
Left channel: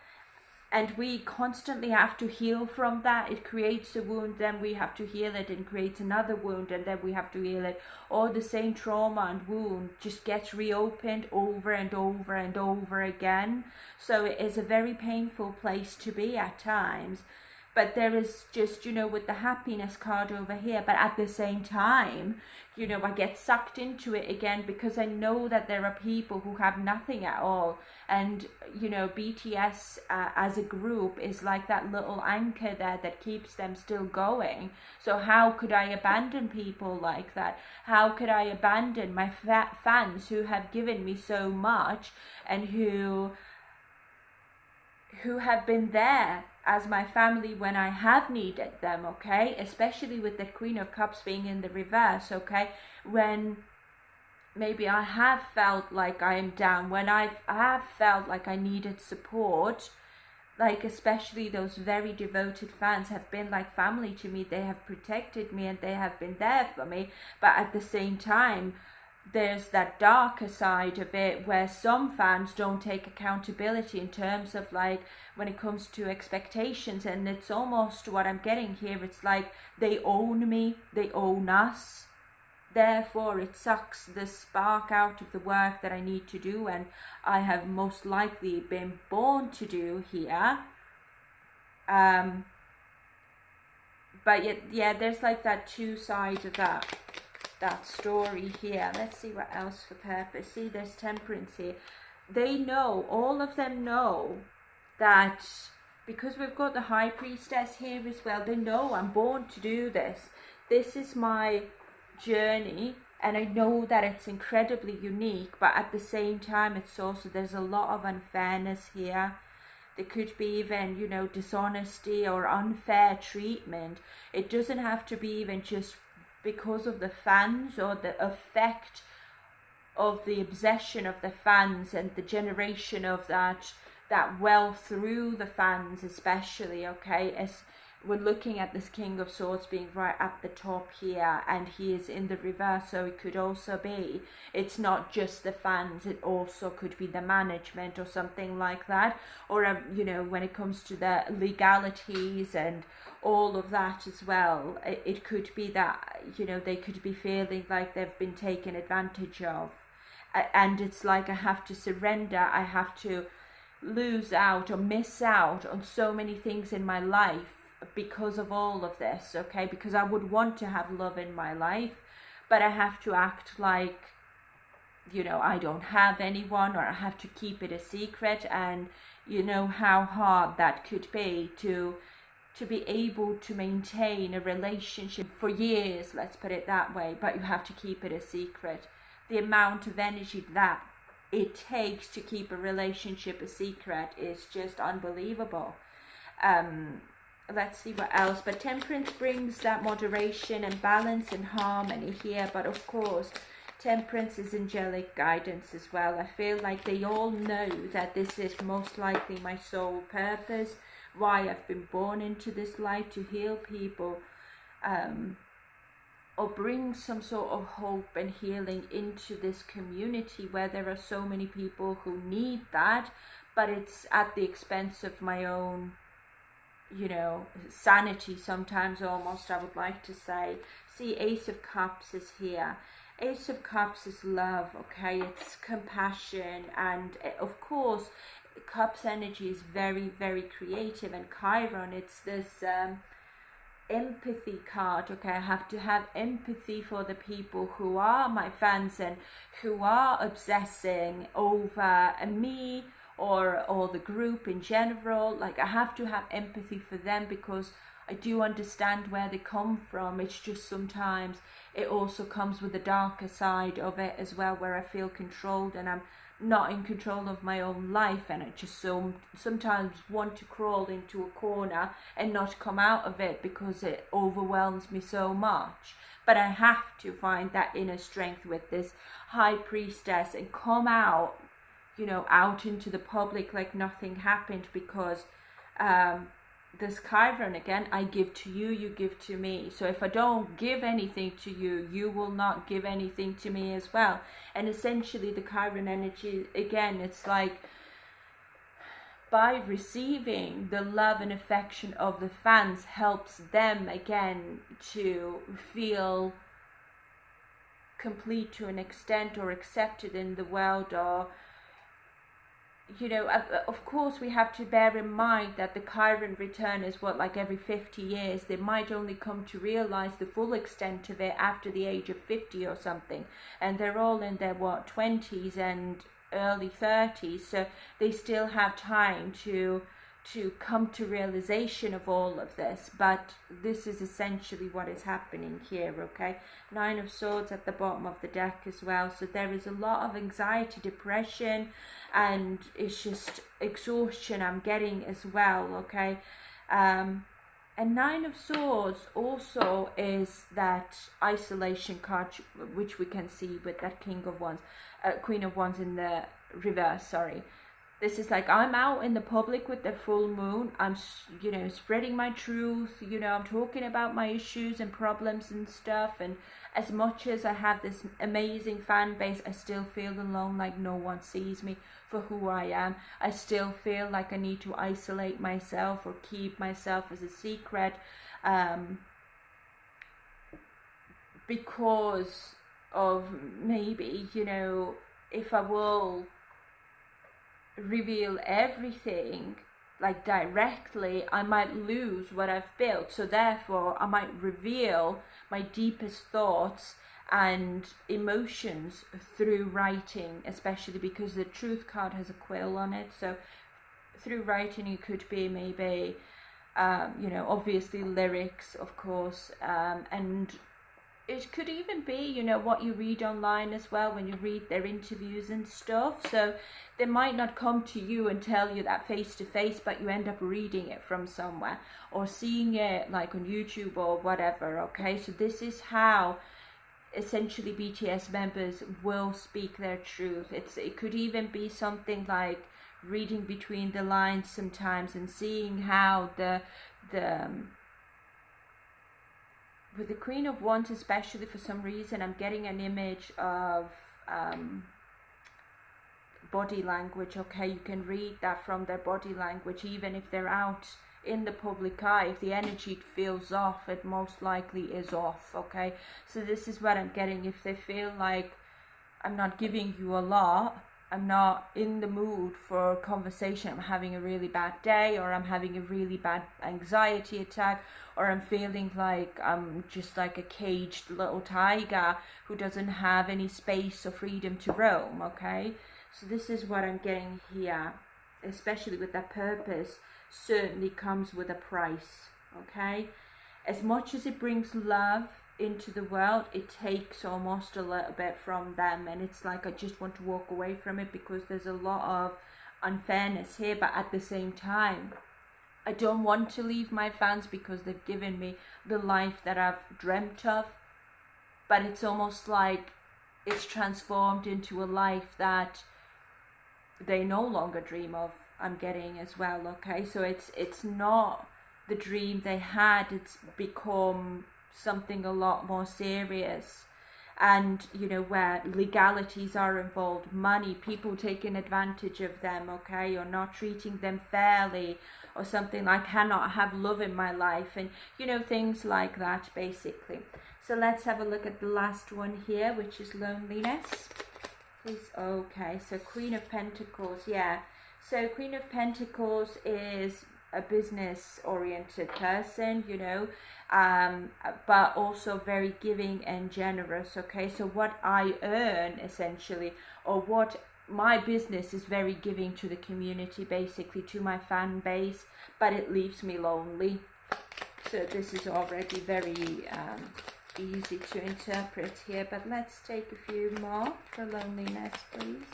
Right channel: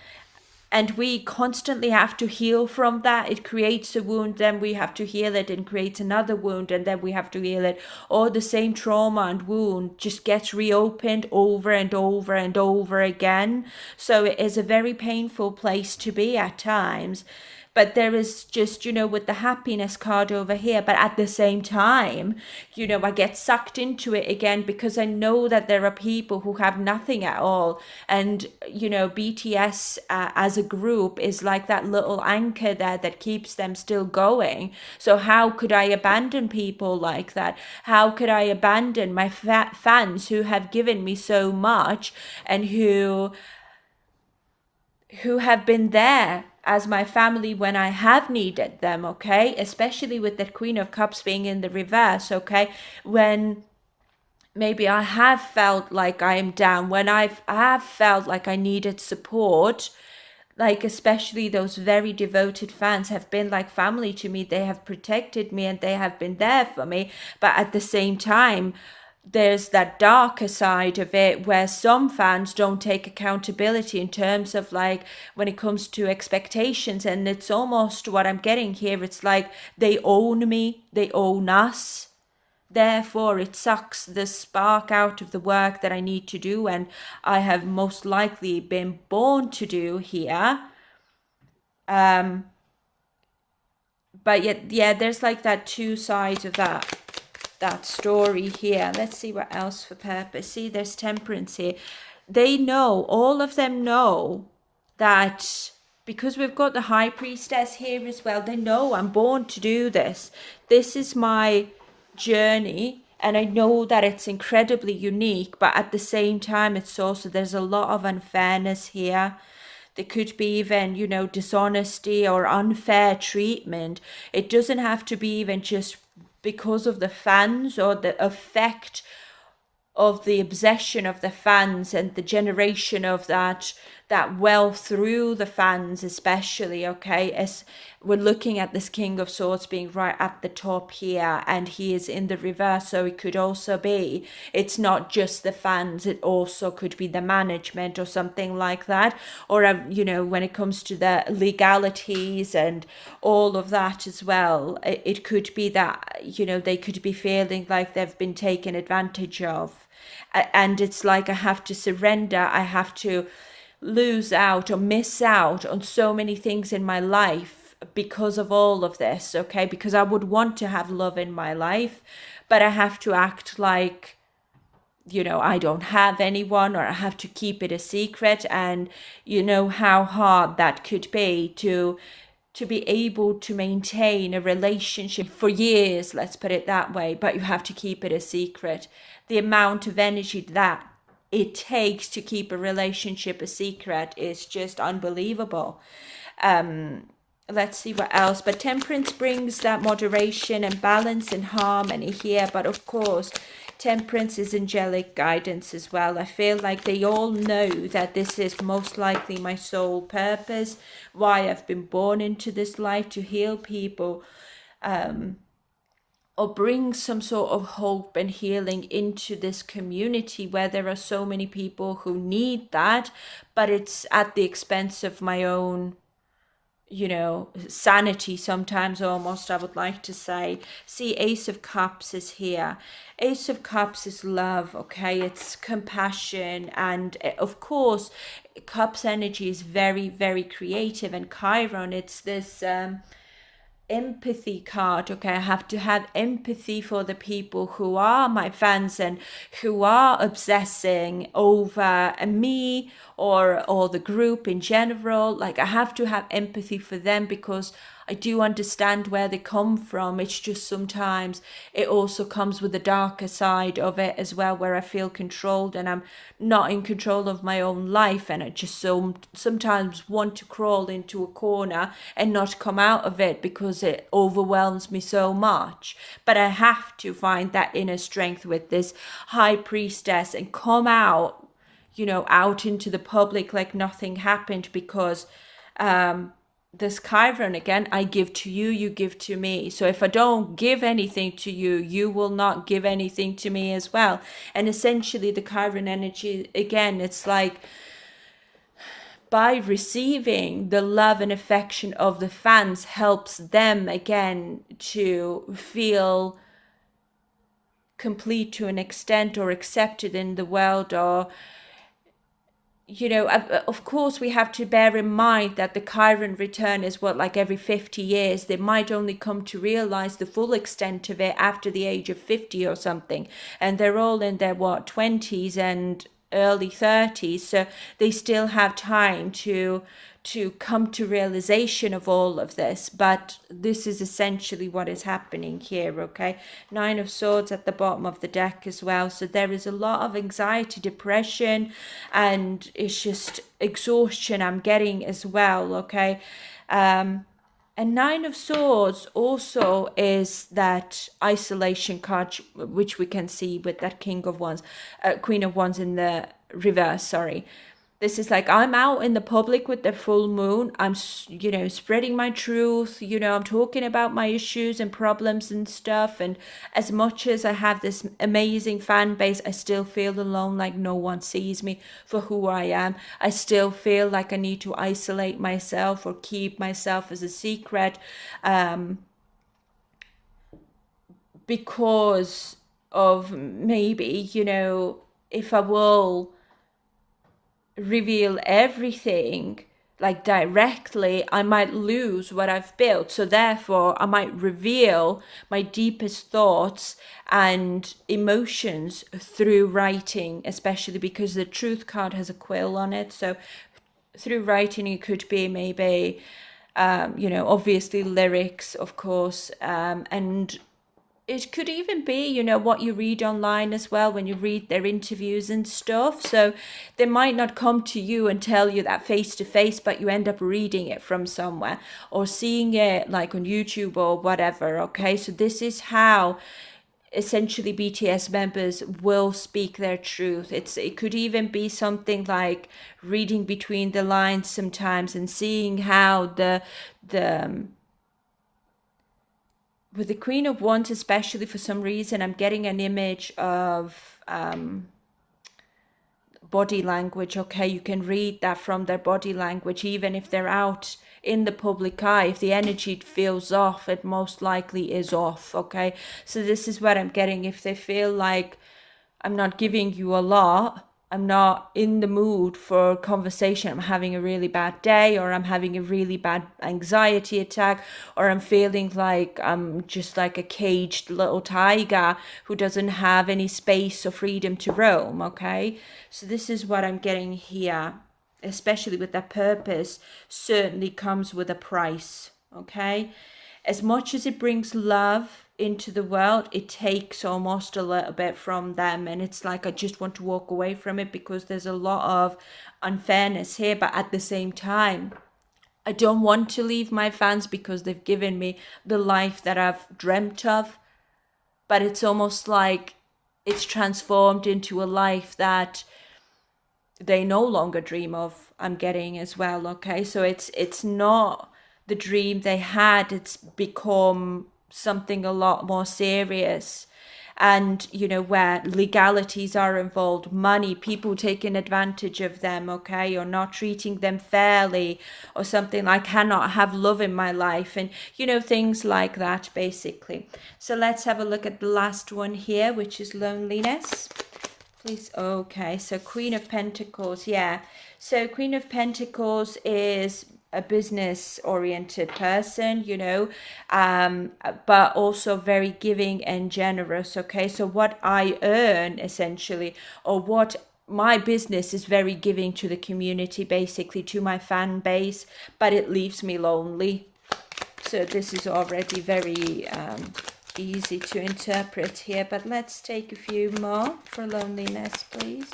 And we constantly have to heal from that. It creates a wound, then we have to heal it, and creates another wound, and then we have to heal it. Or the same trauma and wound just gets reopened over and over and over again. So it is a very painful place to be at times. But there is just, with the happiness card over here, but at the same time, I get sucked into it again because I know that there are people who have nothing at all. And, BTS as a group is like that little anchor there that keeps them still going. So how could I abandon people like that? How could I abandon my fans who have given me so much and who have been there as my family when I have needed them, okay? Especially with the Queen of Cups being in the reverse, okay? When maybe I have felt like I am down, when I have felt like I needed support, like especially those very devoted fans have been like family to me. They have protected me and they have been there for me. But at the same time, there's that darker side of it where some fans don't take accountability in terms of like when it comes to expectations. And it's almost what I'm getting here. It's like they own me, they own us. Therefore, it sucks the spark out of the work that I need to do and I have most likely been born to do here. But yet, yeah, there's like that two sides of that story here. Let's see what else for purpose. See, there's temperance here. They know, all of them know that because we've got the high priestess here as well, they know I'm born to do this. This is my journey and I know that it's incredibly unique, but at the same time it's also, there's a lot of unfairness here. There could be even, dishonesty or unfair treatment. It doesn't have to be even just because of the fans or the effect of the obsession of the fans and the generation of that wealth through the fans, especially, okay? As we're looking at this King of Swords being right at the top here and he is in the reverse, so it could also be, it's not just the fans, it also could be the management or something like that. Or when it comes to the legalities and all of that as well, it could be that they could be feeling like they've been taken advantage of. And it's like I have to surrender, I have to lose out or miss out on so many things in my life because of all of this, okay? Because I would want to have love in my life, but I have to act like you know, I don't have anyone, or I have to keep it a secret. And you know how hard that could be to be able to maintain a relationship for years, let's put it that way, but you have to keep it a secret. The amount of energy that it takes to keep a relationship a secret is just unbelievable. Let's see what else. But temperance brings that moderation and balance and harmony here. But of course, temperance is angelic guidance as well. I feel like they all know that this is most likely my sole purpose, why I've been born into this life, to heal people, or bring some sort of hope and healing into this community where there are so many people who need that, but it's at the expense of my own, you know, sanity sometimes, almost, I would like to say. See, Ace of Cups is here. Ace of Cups is love, okay? It's compassion, and of course Cups energy is very, very creative. And Chiron, it's this empathy card, okay? I have to have empathy for the people who are my fans and who are obsessing over me or the group in general. Like, I have to have empathy for them because I do understand where they come from. It's just sometimes it also comes with the darker side of it as well, where I feel controlled and I'm not in control of my own life, and I just sometimes want to crawl into a corner and not come out of it because it overwhelms me so much. But I have to find that inner strength with this high priestess and come out, you know, out into the public like nothing happened, because this Chiron again, I give to you, you give to me. So if I don't give anything to you, you will not give anything to me as well. And essentially the Chiron energy, again, it's like by receiving the love and affection of the fans helps them again to feel complete to an extent, or accepted in the world, or you know, of course we have to bear in mind that the Chiron return is what, like every 50 years. They might only come to realize the full extent of it after the age of 50 or something, and they're all in their 20s and early 30s, so they still have time to come to realization of all of this. But this is essentially what is happening here, okay? Nine of Swords at the bottom of the deck as well. So there is a lot of anxiety, depression, and it's just exhaustion I'm getting as well, okay? And Nine of Swords also is that isolation card, which we can see with that King of Wands, Queen of Wands in the reverse, sorry. This is like, I'm out in the public with the full moon. I'm, you know, spreading my truth. You know, I'm talking about my issues and problems and stuff. And as much as I have this amazing fan base, I still feel alone, like no one sees me for who I am. I still feel like I need to isolate myself or keep myself as a secret, because of maybe, you know, if I will reveal everything like directly, I might lose what I've built. So therefore I might reveal my deepest thoughts and emotions through writing, especially because the Truth card has a quill on it. So through writing, it could be maybe you know, obviously lyrics, of course, and it could even be, you know, what you read online as well when you read their interviews and stuff. So they might not come to you and tell you that face to face, but you end up reading it from somewhere or seeing it like on YouTube or whatever, okay? So this is how essentially BTS members will speak their truth. It could even be something like reading between the lines sometimes and seeing how the with the Queen of Wands, especially, for some reason, I'm getting an image of body language, okay? You can read that from their body language, even if they're out in the public eye. If the energy feels off, it most likely is off, okay? So this is what I'm getting. If they feel like I'm not giving you a lot, I'm not in the mood for conversation. I'm having a really bad day, or I'm having a really bad anxiety attack, or I'm feeling like I'm just like a caged little tiger who doesn't have any space or freedom to roam. Okay, so this is what I'm getting here, especially with that purpose, certainly comes with a price. Okay, as much as it brings love into the world, it takes almost a little bit from them, and it's like I just want to walk away from it because there's a lot of unfairness here. But at the same time, I don't want to leave my fans because they've given me the life that I've dreamt of, but it's almost like it's transformed into a life that they no longer dream of. I'm getting as well. Okay, so it's not the dream they had, it's become something a lot more serious. And where legalities are involved, money, people taking advantage of them, okay, or not treating them fairly, or something like cannot have love in my life, and things like that basically. So let's have a look at the last one here, which is loneliness. Please. Okay, so Queen of Pentacles. Yeah, so Queen of Pentacles is a business oriented person, but also very giving and generous. Okay, so what I earn essentially, or what my business is, very giving to the community, basically to my fan base, but it leaves me lonely. So this is already very easy to interpret here, but let's take a few more for loneliness, please.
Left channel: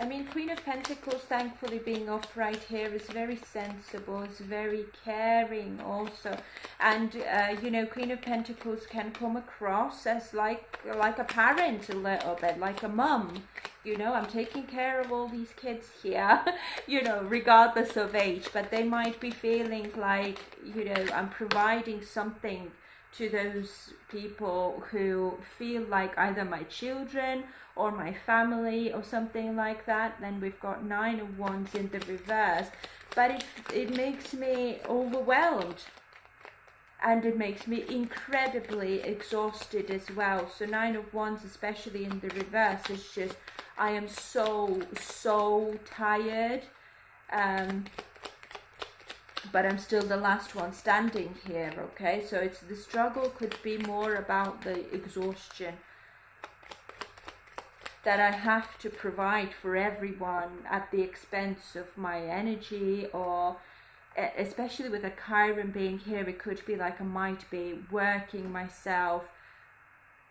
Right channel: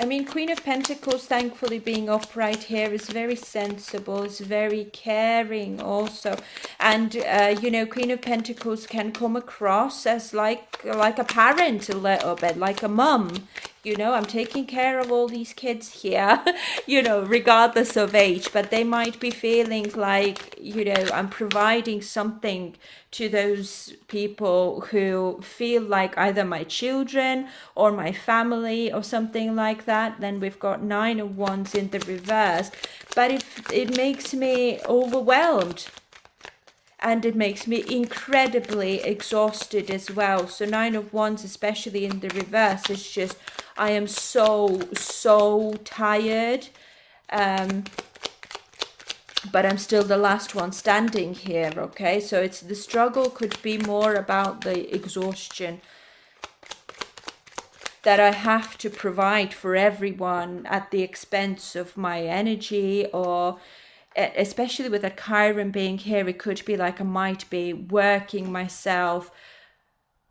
I mean, Queen of Pentacles, thankfully being upright here, is very sensible, is very caring also. And, Queen of Pentacles can come across as like a parent a little bit, like a mum. I'm taking care of all these kids here, regardless of age, but they might be feeling like, I'm providing something to those people who feel like either my children or my family or something like that. Then we've got 9 of Wands in the reverse, but it makes me overwhelmed, and it makes me incredibly exhausted as well. So 9 of Wands, especially in the reverse, is just, I am so tired. But I'm still the last one standing here, okay? So it's the struggle could be more about the exhaustion that I have to provide for everyone at the expense of my energy, or especially with a Chiron being here, it could be like I might be working myself,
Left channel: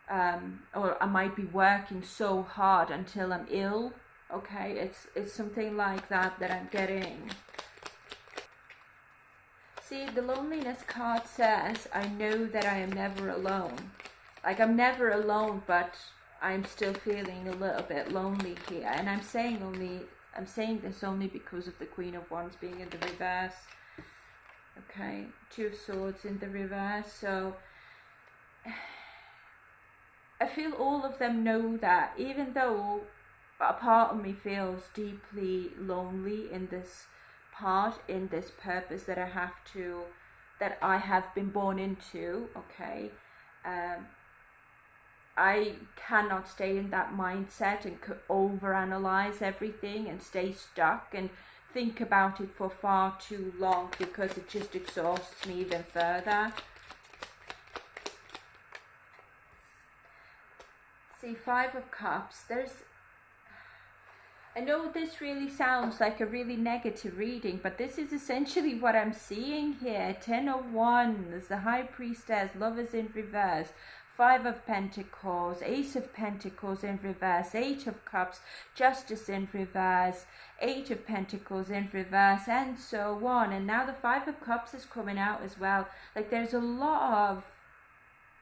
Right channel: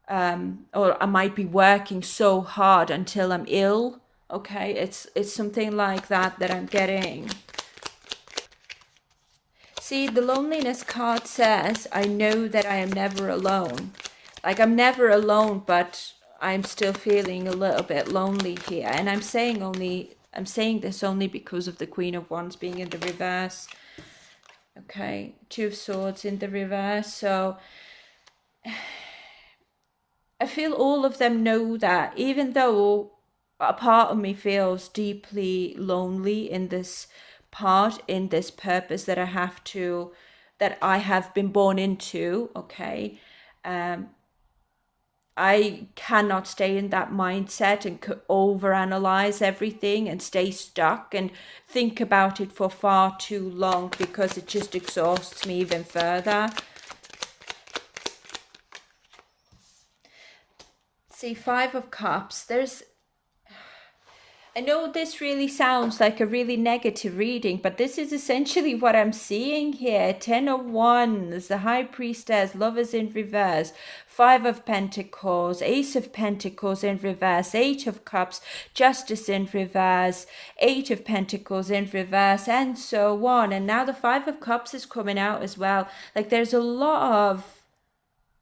or I might be working so hard until I'm ill, okay? It's something like that I'm getting. See, the loneliness card says, I know that I am never alone. Like, I'm never alone, but I'm still feeling a little bit lonely here. And I'm saying this only because of the Queen of Wands being in the reverse. Okay, 2 of Swords in the reverse. So I feel all of them know that, even though a part of me feels deeply lonely in this part, in this purpose that I have been born into, okay, I cannot stay in that mindset and overanalyze everything and stay stuck and think about it for far too long, because it just exhausts me even further. See, 5 of Cups, I know this really sounds like a really negative reading, but this is essentially what I'm seeing here. 10 of Wands, the High Priestess, Lovers in reverse, 5 of Pentacles, Ace of Pentacles in reverse, 8 of Cups, Justice in reverse, 8 of Pentacles in reverse, and so on. And now the 5 of Cups is coming out as well. Like, there's a lot of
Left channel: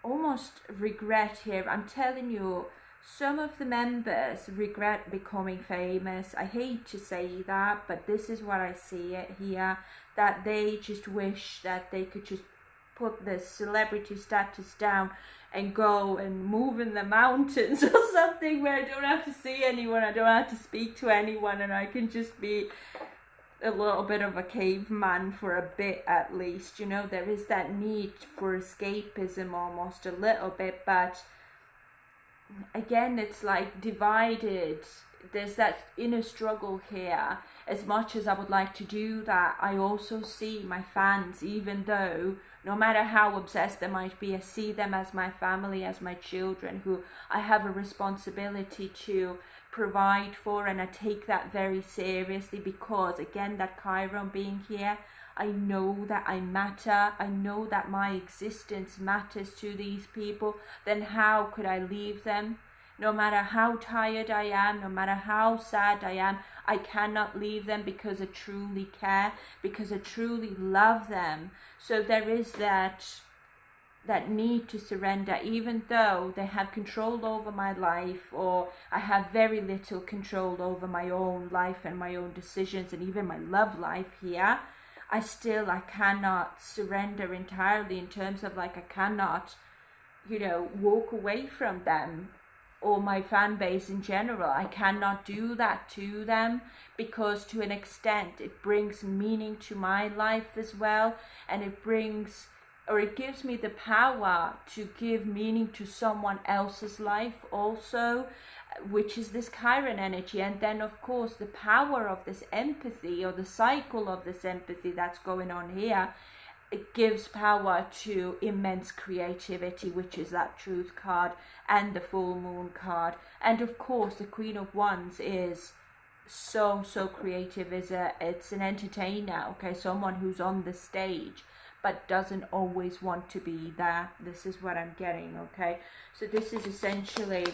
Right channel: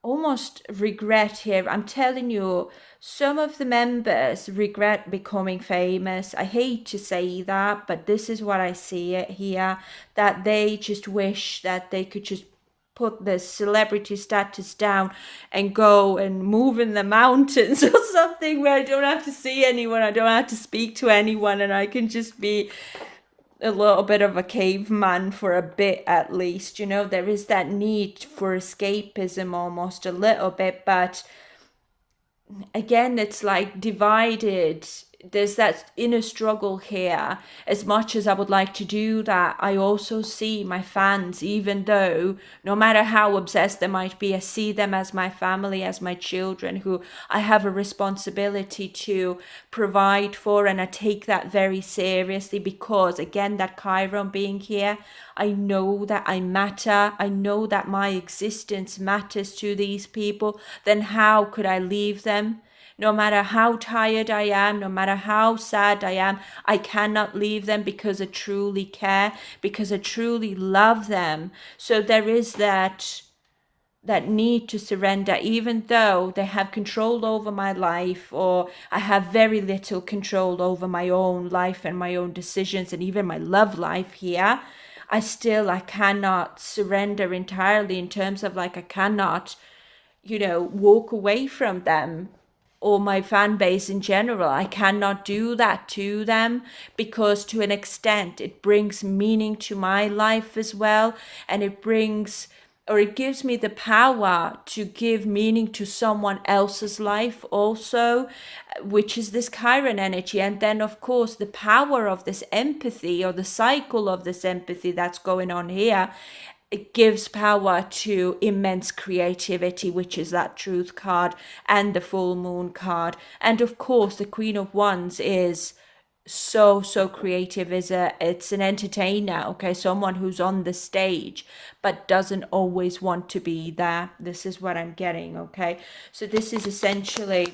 almost regret here. I'm telling you, some of the members regret becoming famous. I hate to say that, but this is what I see it here, that they just wish that they could just put the celebrity status down and go and move in the mountains or something, where I don't have to see anyone, I don't have to speak to anyone, and I can just be a little bit of a caveman for a bit at least. There is that need for escapism almost a little bit, but again, it's like divided there's that inner struggle here. As much as I would like to do that, I also see my fans, even though no matter how obsessed they might be, I see them as my family, as my children, who I have a responsibility to provide for, and I take that very seriously because, again, that Chiron being here, I know that I matter. I know that my existence matters to these people. Then how could I leave them? No matter how tired I am, no matter how sad I am, I cannot leave them because I truly care, because I truly love them. So there is that need to surrender, even though they have control over my life, or I have very little control over my own life and my own decisions and even my love life here. I cannot surrender entirely, in terms of like I cannot, walk away from them or my fan base in general. I cannot do that to them, because to an extent it brings meaning to my life as well, and it gives me the power to give meaning to someone else's life also, which is this Chiron energy. And then of course the power of this empathy, or the cycle of this empathy that's going on here, it gives power to immense creativity, which is that truth card and the full moon card. And of course the Queen of Wands is so creative. It's an entertainer, okay, someone who's on the stage but doesn't always want to be there. This is what I'm getting, okay? So this is essentially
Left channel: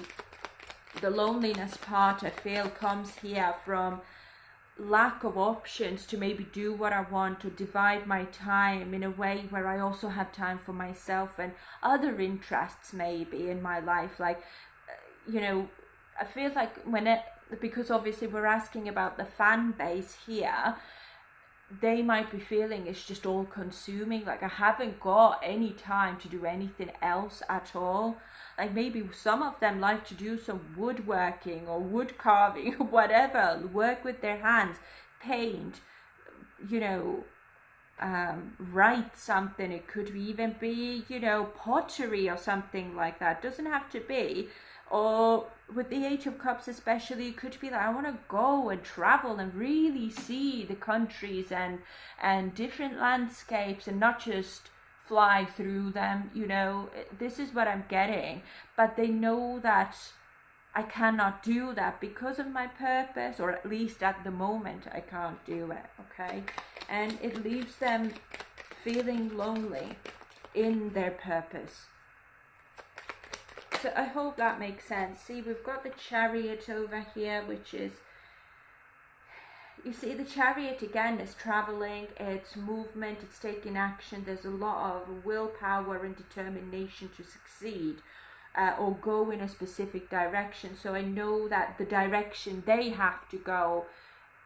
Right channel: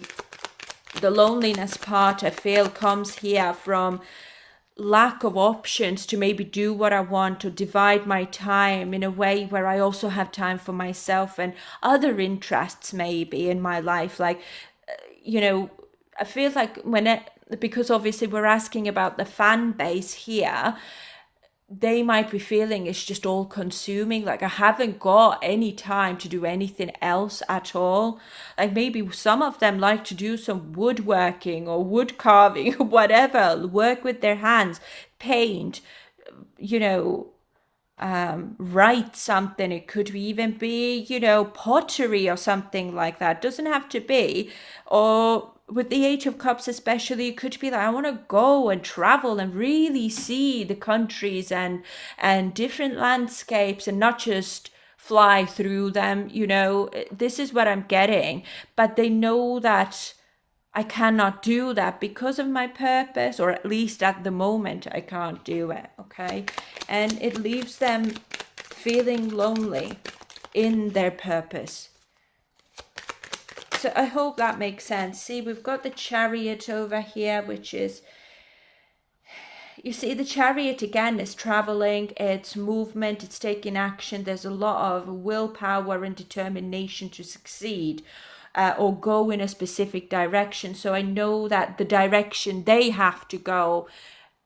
the loneliness part, I feel, comes here from lack of options to maybe do what I want, or divide my time in a way where I also have time for myself and other interests maybe in my life. Like, I feel like because obviously we're asking about the fan base here, they might be feeling it's just all consuming. Like, I haven't got any time to do anything else at all. Like, maybe some of them like to do some woodworking or wood carving or whatever, work with their hands, paint, write something. It could even be, pottery or something like that. Doesn't have to be. Or with the Eight of Cups especially, it could be like, I want to go and travel and really see the countries and different landscapes, and not just fly through them. This is what I'm getting. But they know that I cannot do that because of my purpose, or at least at the moment I can't do it, okay? And it leaves them feeling lonely in their purpose. So I hope that makes sense. See, we've got the Chariot over here, which is, you see, the Chariot again is traveling, it's movement, it's taking action. There's a lot of willpower and determination to succeed. Or go in a specific direction. So I know that the direction they have to go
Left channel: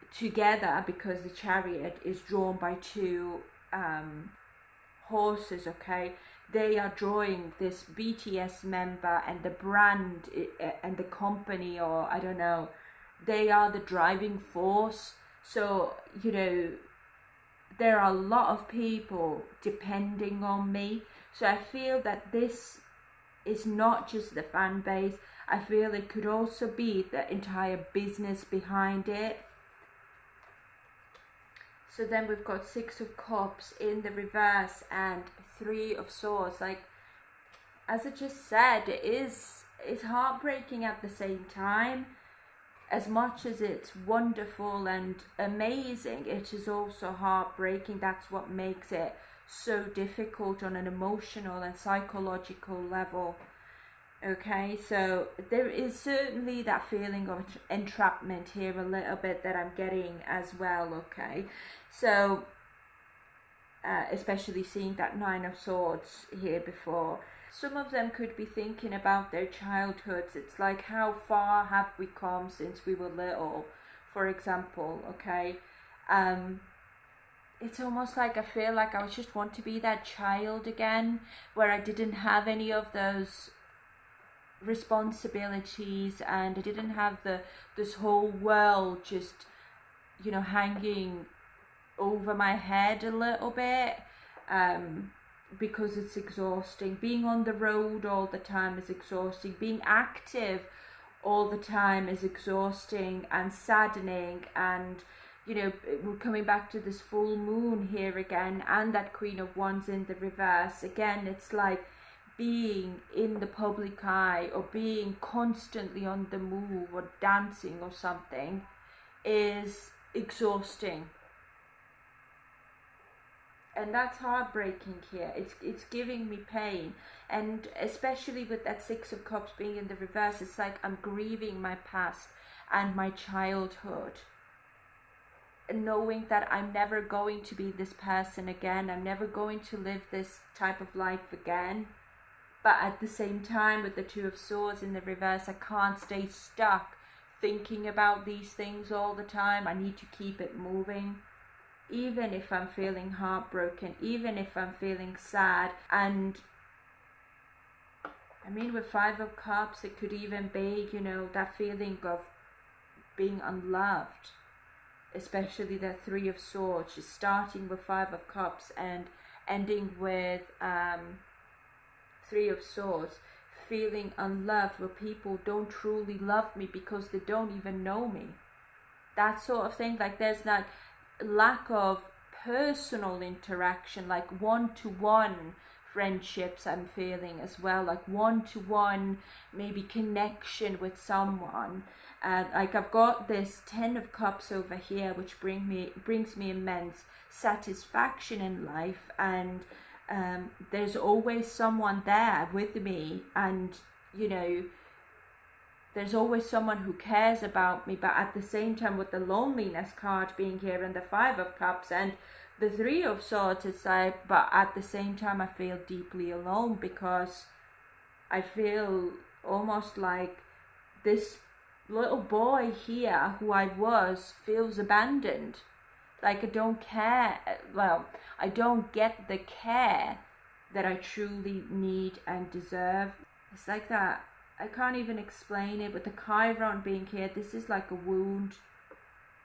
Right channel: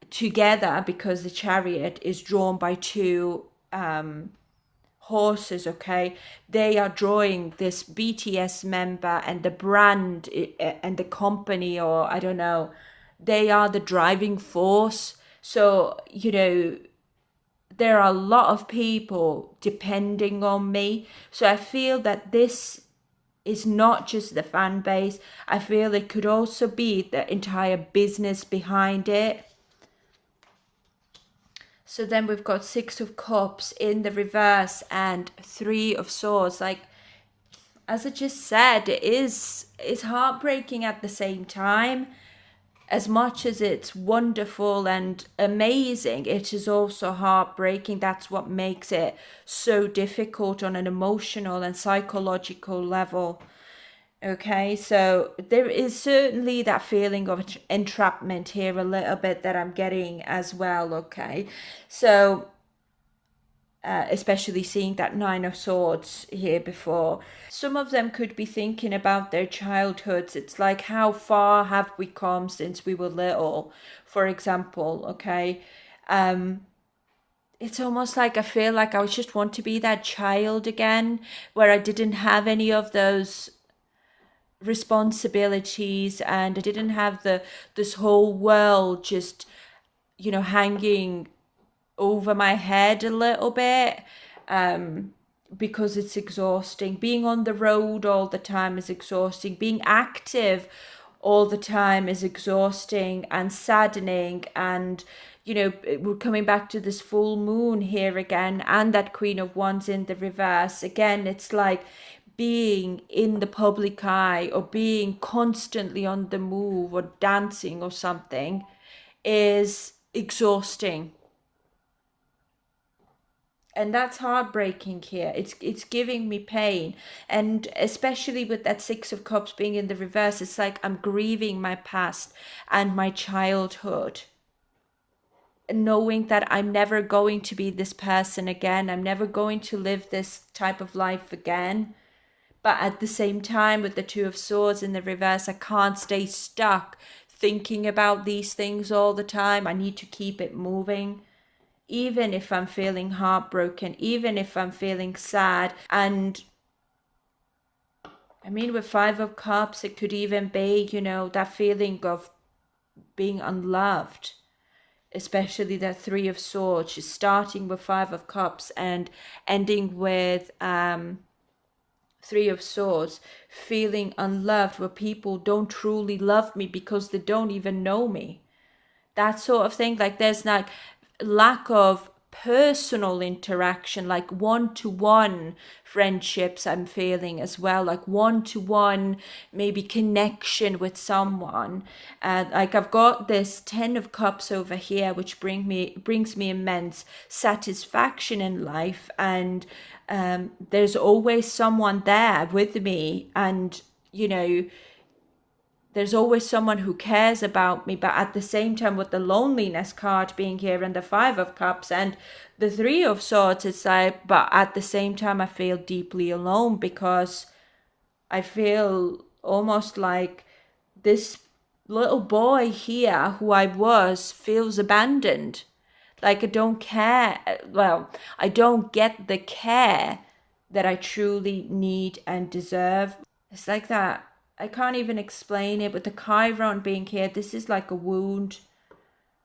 together, because the Chariot is drawn by two horses, okay? They are drawing this BTS member and the brand and the company, or I don't know, they are the driving force. So, there are a lot of people depending on me. So I feel that this is not just the fan base. I feel it could also be the entire business behind it. So then we've got Six of Cups in the reverse and Three of Swords. Like, as I just said, it's heartbreaking at the same time. As much as it's wonderful and amazing, it is also heartbreaking. That's what makes it so difficult on an emotional and psychological level. Okay, so there is certainly that feeling of entrapment here a little bit that I'm getting as well, okay? So, especially seeing that Nine of Swords here before. Some of them could be thinking about their childhoods. It's like, how far have we come since we were little, for example, okay? It's almost like I feel like I just want to be that child again, where I didn't have any of those responsibilities, and I didn't have this whole world just, hanging over my head a little bit, because it's exhausting. Being on the road all the time is exhausting. Being active all the time is exhausting and saddening. And we're coming back to this full moon here again, and that Queen of Wands in the reverse again. It's like being in the public eye or being constantly on the move or dancing or something is exhausting. And that's heartbreaking here. It's giving me pain. And especially with that Six of Cups being in the reverse, it's like I'm grieving my past and my childhood, knowing that I'm never going to be this person again. I'm never going to live this type of life again. But at the same time, with the Two of Swords in the reverse, I can't stay stuck thinking about these things all the time. I need to keep it moving, even if I'm feeling heartbroken, even if I'm feeling sad. And I mean, with Five of Cups, it could even be, that feeling of being unloved, especially the Three of Swords, just starting with Five of Cups and ending with Three of Swords, feeling unloved, where people don't truly love me because they don't even know me. That sort of thing. Like there's like lack of personal interaction, like one-to-one friendships I'm feeling as well, like one-to-one maybe connection with someone. And like I've got this Ten of Cups over here, which brings me immense satisfaction in life. And there's always someone there with me, and there's always someone who cares about me. But at the same time, with the loneliness card being here and the Five of Cups and the Three of Swords, it's like, but at the same time I feel deeply alone, because I feel almost like this little boy here who I was feels abandoned. Like I don't care. Well, I don't get the care that I truly need and deserve. It's like that. I can't even explain it. With the Chiron being here, this is like a wound.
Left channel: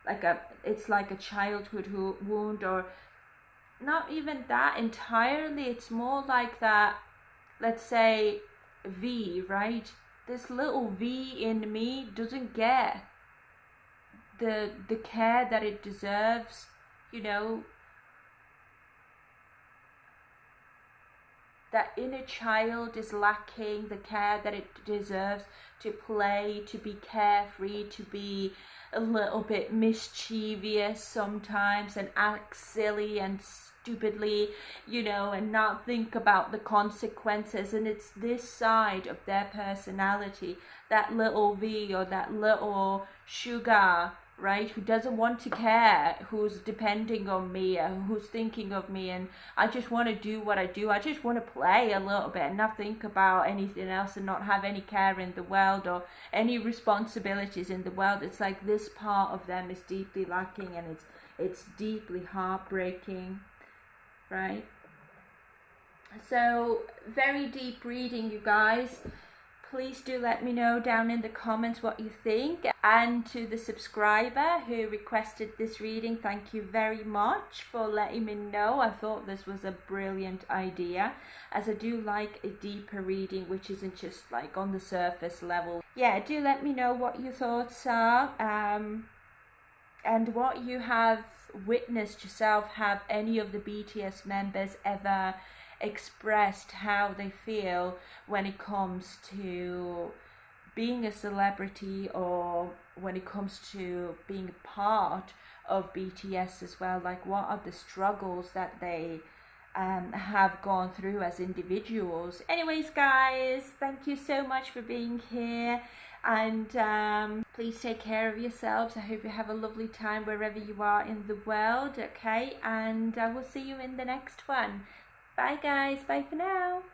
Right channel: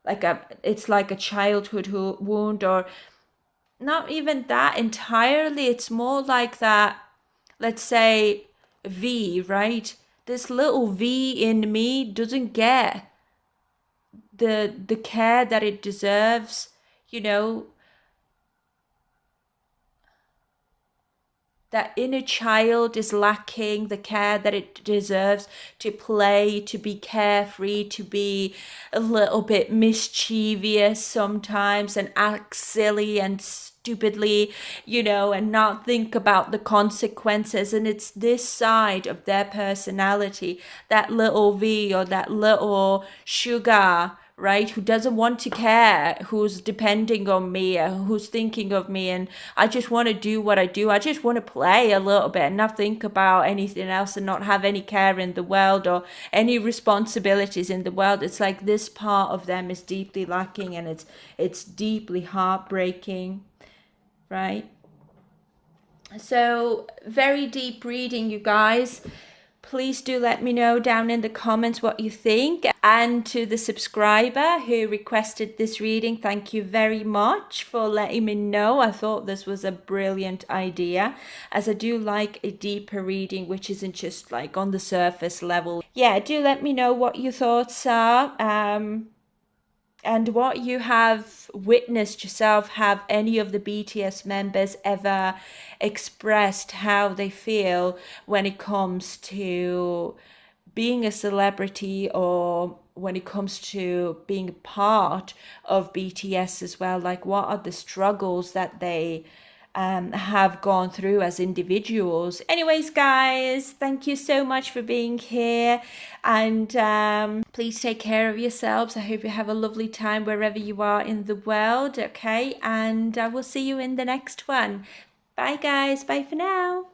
It's like a childhood wound, or not even that entirely. It's more like that, let's say, V, right? This little V in me doesn't get the care that it deserves, that inner child is lacking the care that it deserves to play, to be carefree, to be a little bit mischievous sometimes and act silly and stupidly, and not think about the consequences. And it's this side of their personality, that little V or that little sugar, right, who doesn't want to care, who's depending on me, who's thinking of me, and I just want to do what I do. I just want to play a little bit and not think about anything else and not have any care in the world or any responsibilities in the world. It's like this part of them is deeply lacking, and it's deeply heartbreaking, right? So very deep reading, you guys. Please do let me know down in the comments what you think. And to the subscriber who requested this reading, thank you very much for letting me know. I thought this was a brilliant idea, as I do like a deeper reading, which isn't just like on the surface level. Yeah, do let me know what your thoughts are. And what you have witnessed yourself. Have any of the BTS members ever expressed how they feel when it comes to being a celebrity, or when it comes to being a part of BTS as well? Like, what are the struggles that they have gone through as individuals? Anyways, guys, thank you so much for being here, and please take care of yourselves. I hope you have a lovely time wherever you are in the world, okay? And I will see you in the next one. Bye, guys. Bye for now.